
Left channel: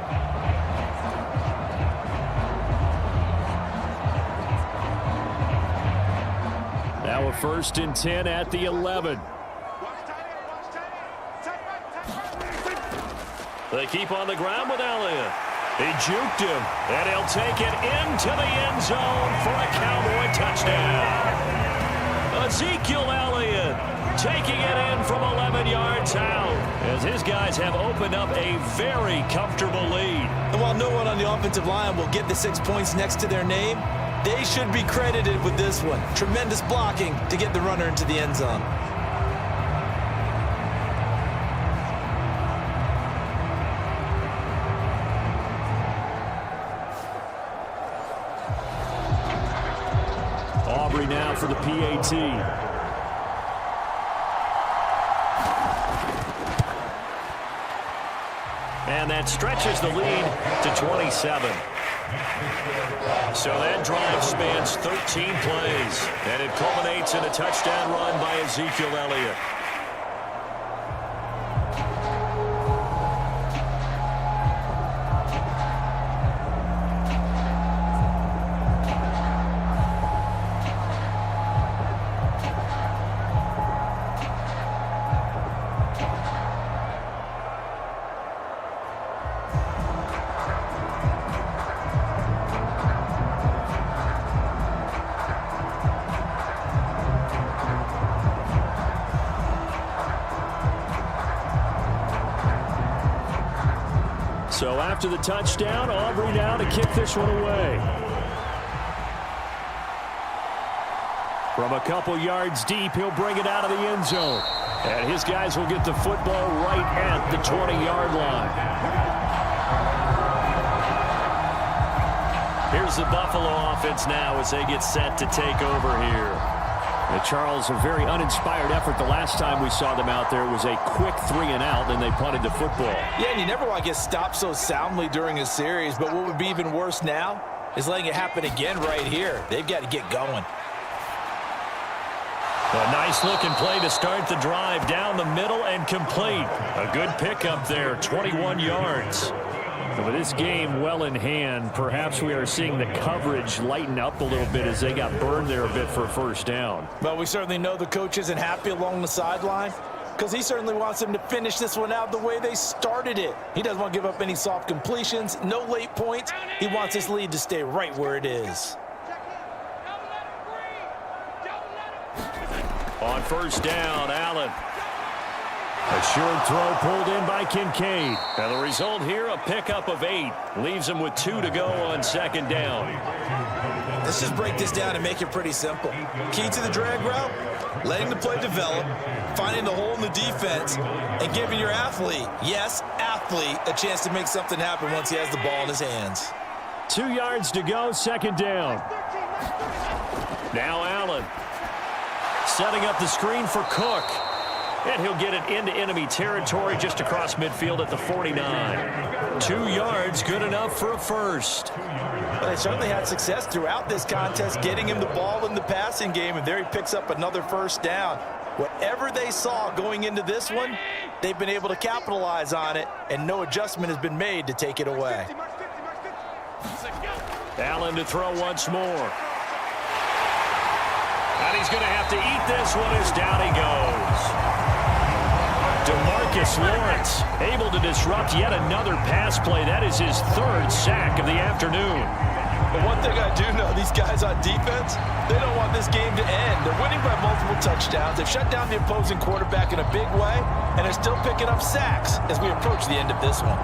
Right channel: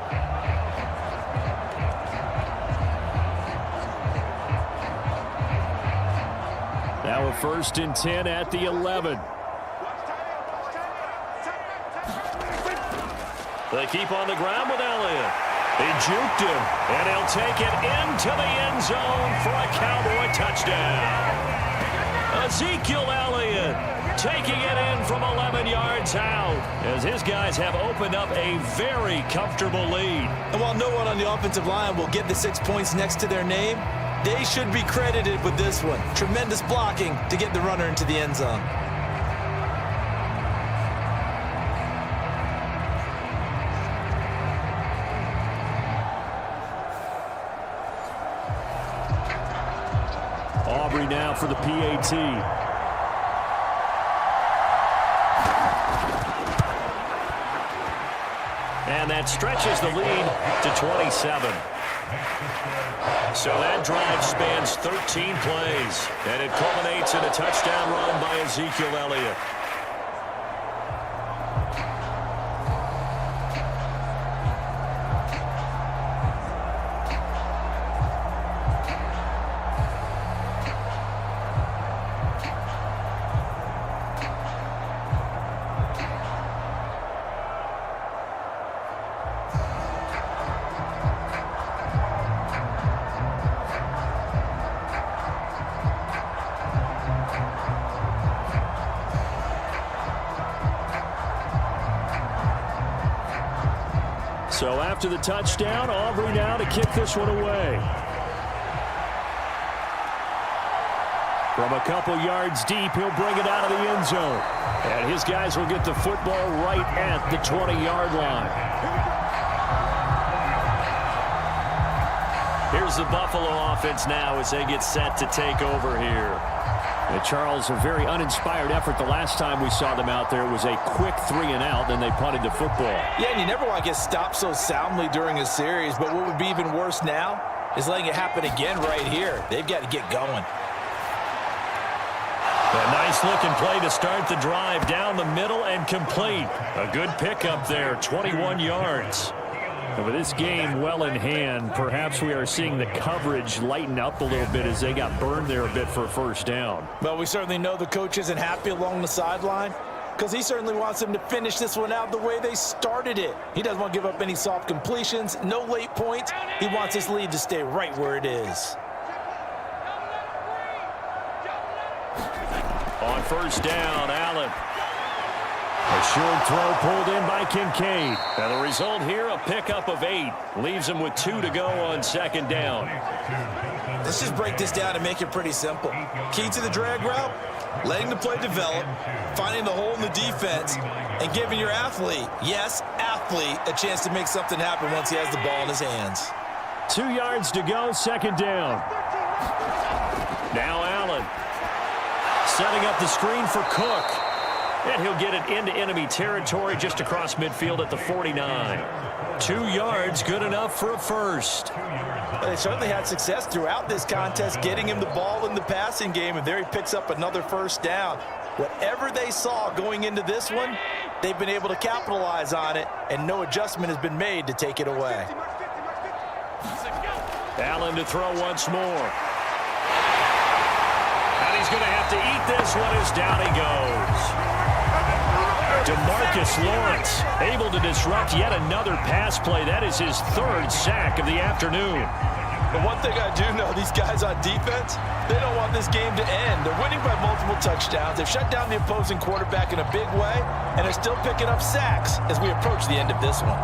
Now a 1st and 10 at the 11. They keep on the ground with Elliott. He juked him, and he'll take it into the end zone for a Cowboy touchdown. Ezekiel Elliott taking it in from 11 yards out as his guys have opened up a very comfortable lead. And while no one on the offensive line will get the 6 points next to their name, they should be credited with this one. Tremendous blocking to get the runner into the end zone. Aubrey now for the PAT. And that stretches the lead to 27. So that drive spans 13 plays, and it culminates in a touchdown run by Ezekiel Elliott. So after the touchdown, Aubrey now to kick this one away. From a couple yards deep, he'll bring it out of the end zone. And his guys will get the football right at the 20-yard line. Here's the Buffalo offense now as they get set to take over here. Charles, a very uninspired effort the last time we saw them out there. It was a quick 3-and-out, then they punted the football. Yeah, and you never want to get stopped so soundly during a series, but what would be even worse now is letting it happen again right here. They've got to get going. A nice-looking play to start the drive down the middle and complete. A good pickup there, 21 yards. And with this game well in hand, perhaps we are seeing the coverage lighten up a little bit as they got burned there a bit for a first down. Well, we certainly know the coach isn't happy along the sideline because he certainly wants them to finish this one out the way they started it. He doesn't want to give up any soft completions, no late points. He wants his lead to stay right where it is. On first down, Allen. A short throw pulled in by Kincaid. And the result here, a pickup of 8. Leaves him with 2 to go on second down. Let's just break this down and make it pretty simple. Key to the drag route, letting the play develop, finding the hole in the defense, and giving your athlete, yes, athlete, a chance to make something happen once he has the ball in his hands. 2 yards to go, second down. Now Allen. Setting up the screen for Cook. And he'll get it into enemy territory just across midfield at the 49. 2 yards, good enough for a first. But they certainly had success throughout this contest, getting him the ball in the passing game, and there he picks up another first down. Whatever they saw going into this one, they've been able to capitalize on it, and no adjustment has been made to take it away. Allen to throw once more. And he's going to have to eat this one as down he goes. DeMarcus Lawrence able to disrupt yet another pass play. That is his 3rd sack of the afternoon. But one thing I do know, these guys on defense, they don't want this game to end. They're winning by multiple touchdowns. They've shut down the opposing quarterback in a big way, and they're still picking up sacks as we approach the end of this one.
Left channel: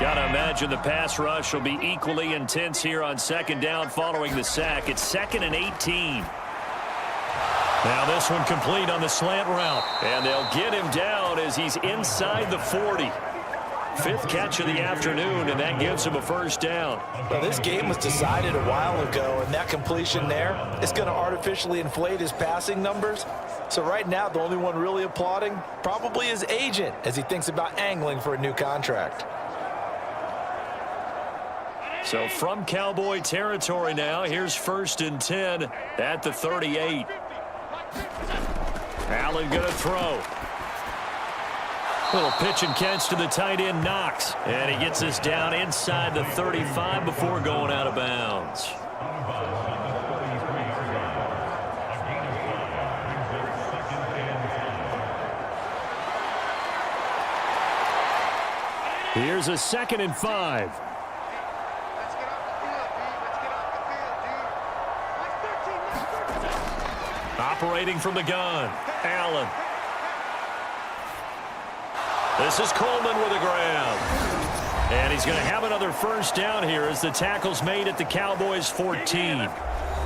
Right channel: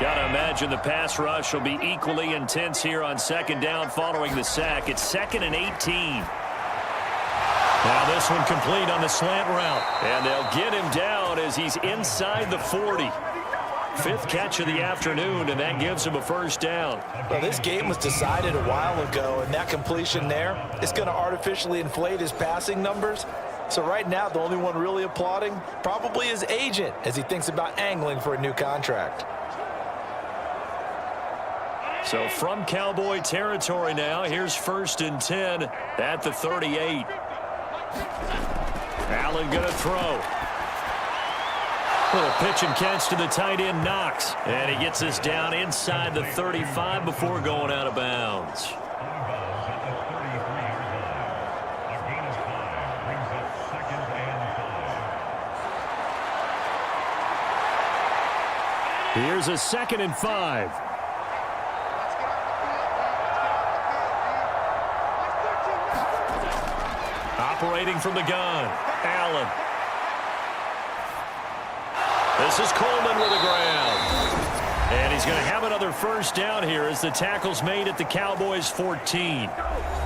Gotta imagine the pass rush will be equally intense here on second down following the sack. It's 2nd and 18. Now this one complete on the slant route. And they'll get him down as he's inside the 40. 5th catch of the afternoon, and that gives him a first down. Well, this game was decided a while ago, and that completion there is going to artificially inflate his passing numbers. So right now, the only one really applauding probably his agent as he thinks about angling for a new contract. So from Cowboy territory now, here's 1st and 10 at the 38. Allen going to throw. Little pitch and catch to the tight end, Knox. And he gets this down inside the 35 before going out of bounds. Here's a 2nd and 5. Operating from the gun, Allen. This is Coleman with a grab. And he's going to have another first down here as the tackle's made at the Cowboys 14.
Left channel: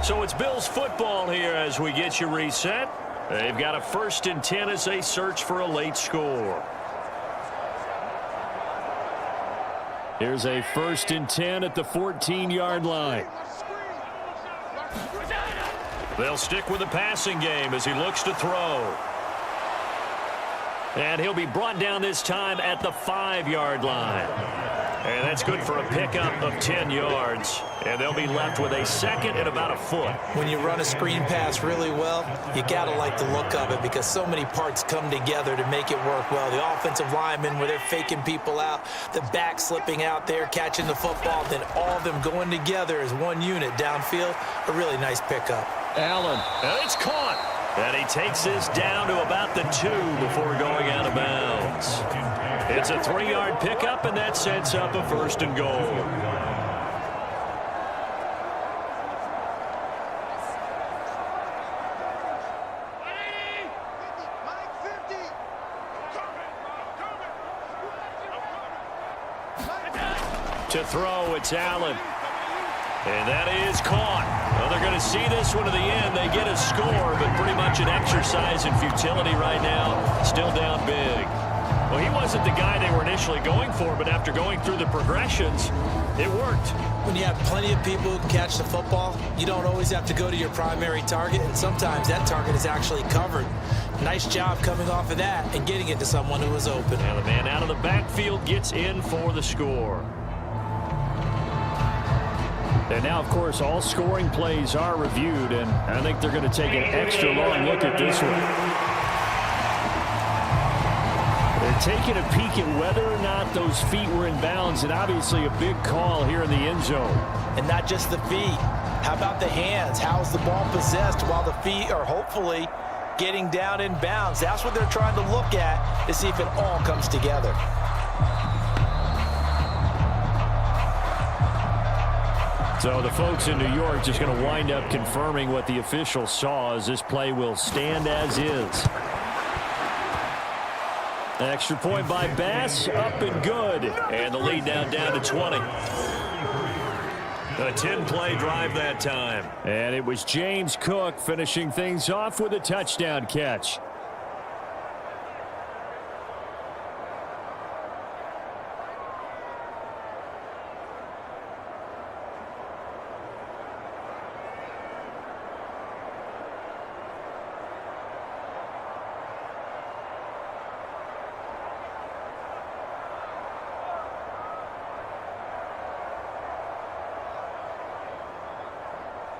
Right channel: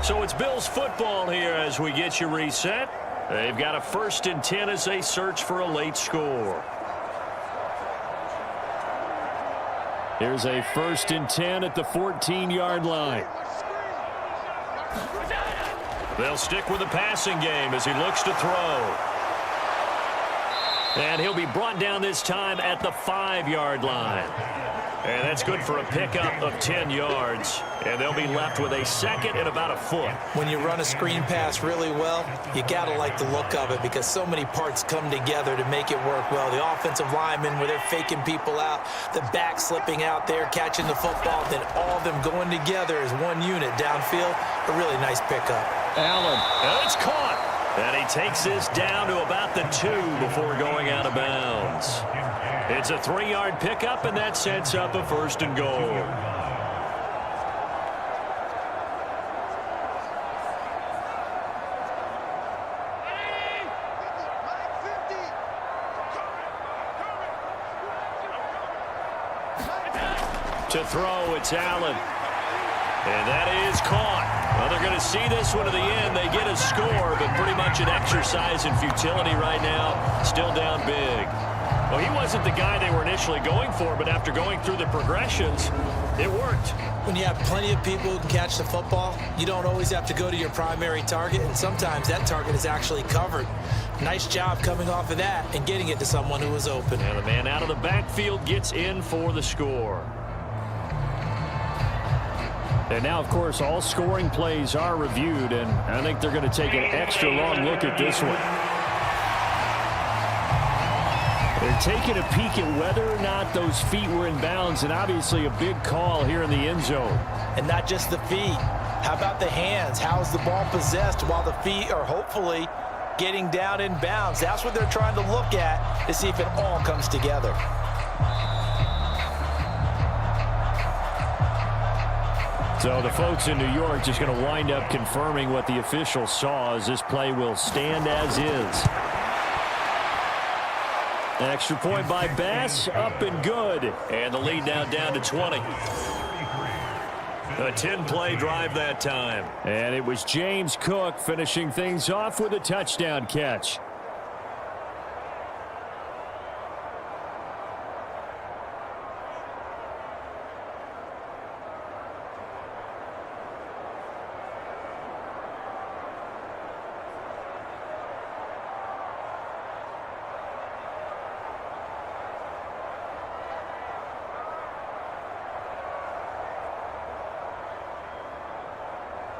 So it's Bills football here as we get you reset. They've got a 1st and 10 as they search for a late score. Here's a 1st and 10 at the 14-yard line. They'll stick with the passing game as he looks to throw. And he'll be brought down this time at the 5-yard line. And that's good for a pickup of 10 yards. And they'll be left with a 2nd and about a foot. When you run a screen pass really well, you got to like the look of it because so many parts come together to make it work well. The offensive linemen where they're faking people out, the back slipping out there, catching the football, then all of them going together as one unit downfield. A really nice pickup. Allen, and it's caught. And he takes this down to about the 2 before going out of bounds. It's a 3-yard pickup, and that sets up a 1st and goal. To throw, it's Allen. And that is caught. Well, they're going to see this one to the end. They get a score, but pretty much an exercise in futility right now. Still down big. Well, he wasn't the guy they were initially going for, but after going through the progressions, it worked. When you have plenty of people who can catch the football, you don't always have to go to your primary target, and sometimes that target is actually covered. Nice job coming off of that and getting it to someone who was open. And the man out of the backfield gets in for the score. And now, of course, all scoring plays are reviewed, and I think they're going to take an extra long look at this one. They're taking a peek at whether or not those feet were in bounds, and obviously a big call here in the end zone. And not just the feet. How about the hands? How's the ball possessed while the feet are hopefully getting down in bounds? That's what they're trying to look at to see if it all comes together. So the folks in New York just going to wind up confirming what the officials saw, as this play will stand as is. Extra point by Bass, up and good. And the lead now down to 20. A 10-play drive that time. And it was James Cook finishing things off with a touchdown catch.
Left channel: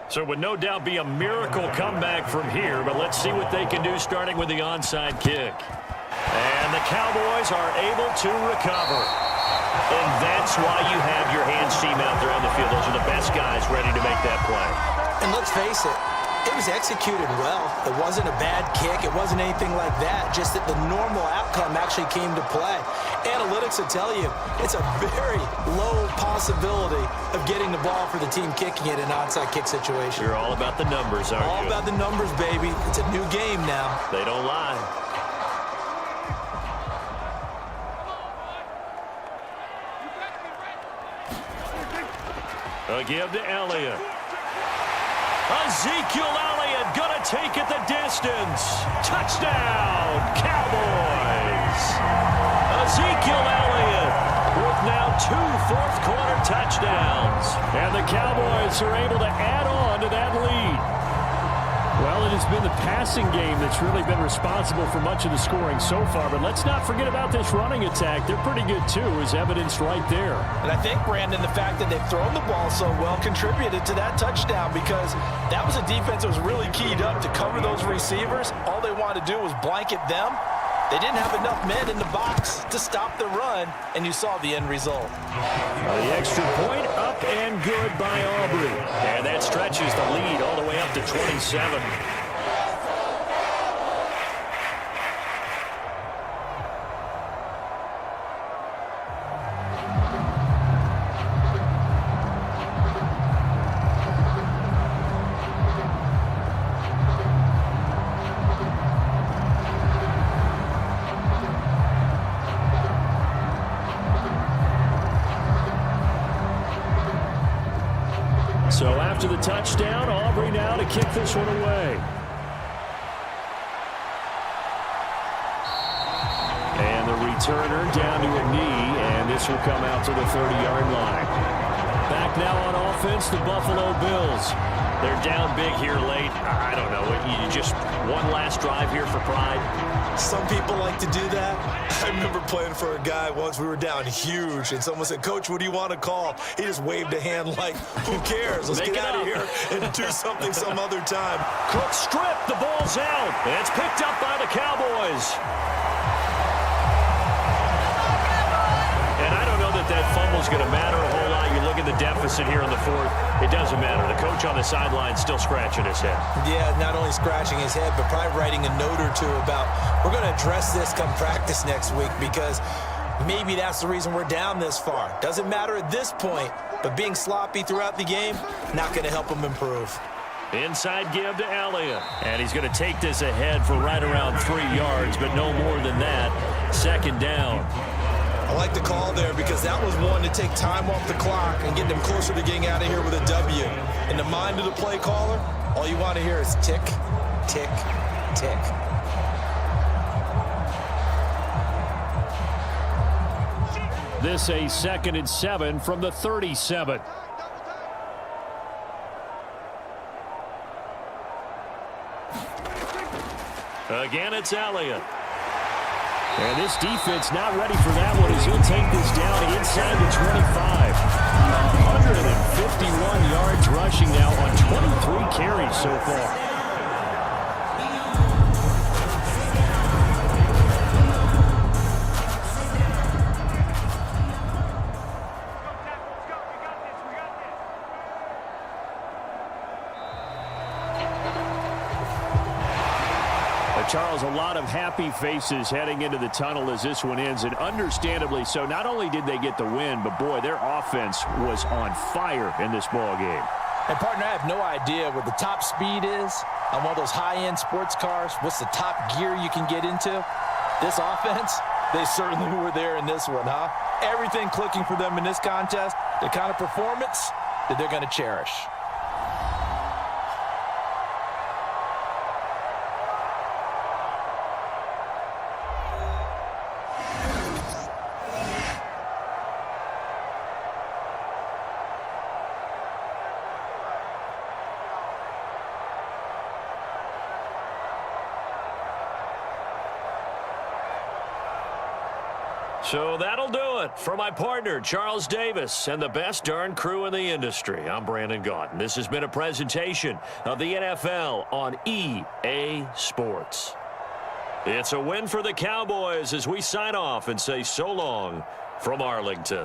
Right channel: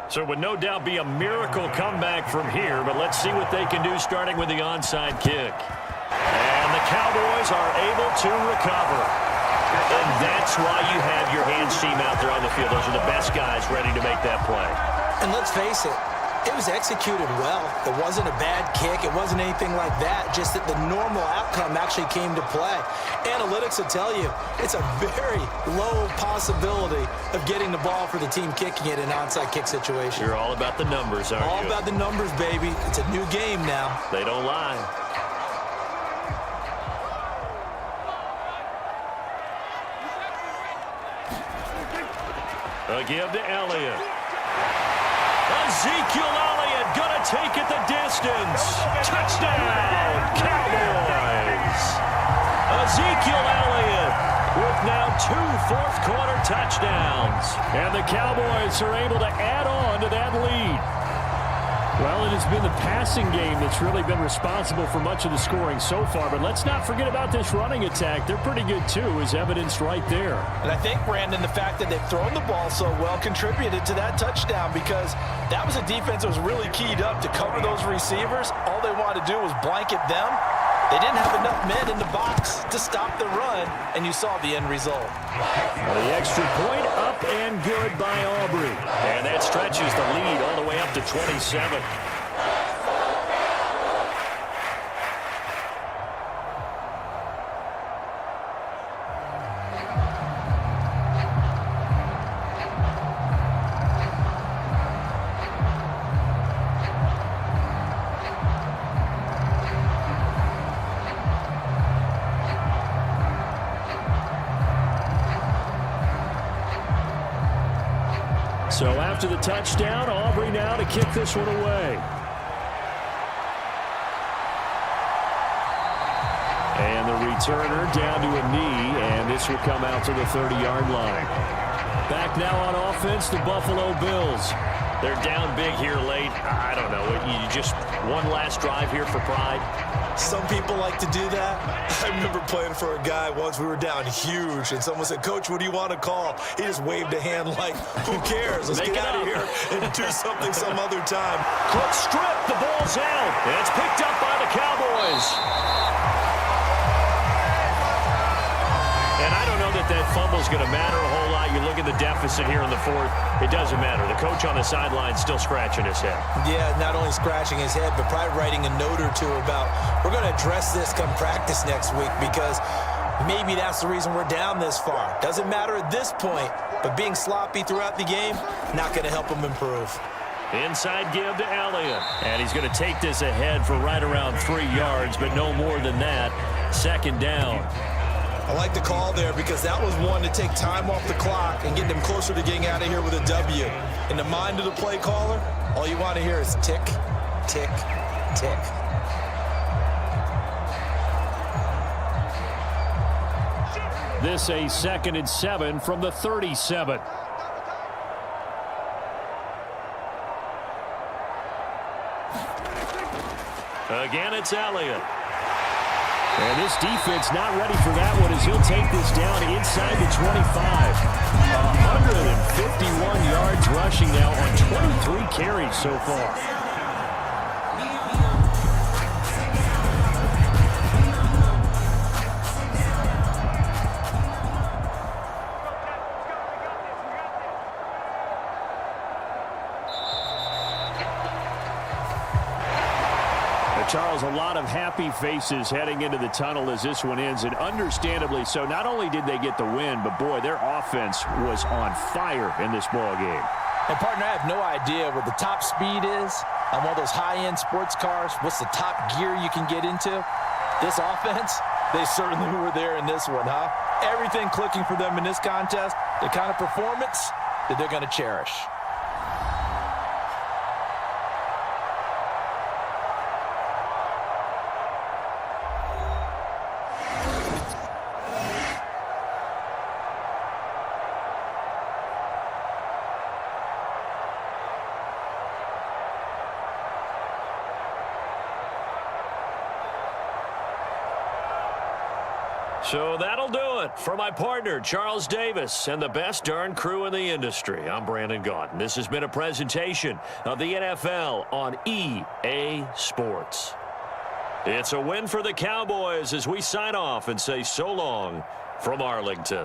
So it would no doubt be a miracle comeback from here, but let's see what they can do starting with the onside kick. And the Cowboys are able to recover. And that's why you have your hands team out there on the field. Those are the best guys ready to make that play. And let's face it, it was executed well. It wasn't a bad kick. It wasn't anything like that. Just that the normal outcome actually came to play. Analytics will tell you it's a very low possibility of getting the ball for the team kicking it in an onside kick situation. You're all about the numbers, aren't you? All about the numbers, baby. It's a new game now. They don't lie. A give to Elliott. Ezekiel Elliott gonna take it the distance. Touchdown, Cowboys. Ezekiel Elliott with now 2 fourth-quarter touchdowns. And the Cowboys are able to add on to that lead. Well, it has been the passing game that's really been responsible for much of the scoring so far. But let's not forget about this running attack. They're pretty good, too, as evidenced right there. And I think, Brandon, the fact that they've thrown the ball so well contributed to that touchdown, because that was a defense that was really keyed up to cover those receivers. All they wanted to do was blanket them. They didn't have enough men in the box to stop the run, and you saw the end result. The extra point up and good by Aubrey. And that stretches the lead all the way up to 27. So after the touchdown, Aubrey now to kick this one away. And the returner down to a knee, and this will come out to the 30-yard line. Back now on offense, the Buffalo Bills. They're down big here late. I don't know. You just one last drive here for pride. Some people like to do that. I remember playing for a guy once. We were down huge, and someone said, "Coach, what do you want to call?" He just waved a hand like, "Who cares? Let's get out of here and do something some other time." Cook stripped. The ball's out. It's picked up by the Cowboys. And I don't know that fumble's going to matter a whole lot. You look at the deficit here in the fourth. It doesn't matter. The coach on the sideline still scratching his head. Yeah, not only scratching his head, but probably writing a note or two about, we're going to address this come practice next week, because maybe that's the reason we're down this far. Doesn't matter at this point, but being sloppy throughout the game, not going to help him improve. Inside give to Elliott. And he's going to take this ahead for right around 3 yards, but no more than that. Second down. I like the call there because that was one to take time off the clock and get them closer to getting out of here with a W. In the mind of the play caller, all you want to hear is tick, tick, tick. This a 2nd and 7 from the 37. Again, it's Elliott. And this defense not ready for that one as he'll take this down inside the 25. 151 yards rushing now on 23 carries so far. Charles, a lot of happy faces heading into the tunnel as this one ends, and understandably so. Not only did they get the win, but, boy, their offense was on fire in this ball game. And, partner, I have no idea what the top speed is on one of those high-end sports cars. What's the top gear you can get into? This offense, they certainly were there in this one, huh? Everything clicking for them in this contest, the kind of performance that they're going to cherish. So that'll do it for my partner, Charles Davis, and the best darn crew in the industry. I'm Brandon Gaudin. This has been a presentation of the NFL on EA Sports. It's a win for the Cowboys as we sign off and say so long from Arlington.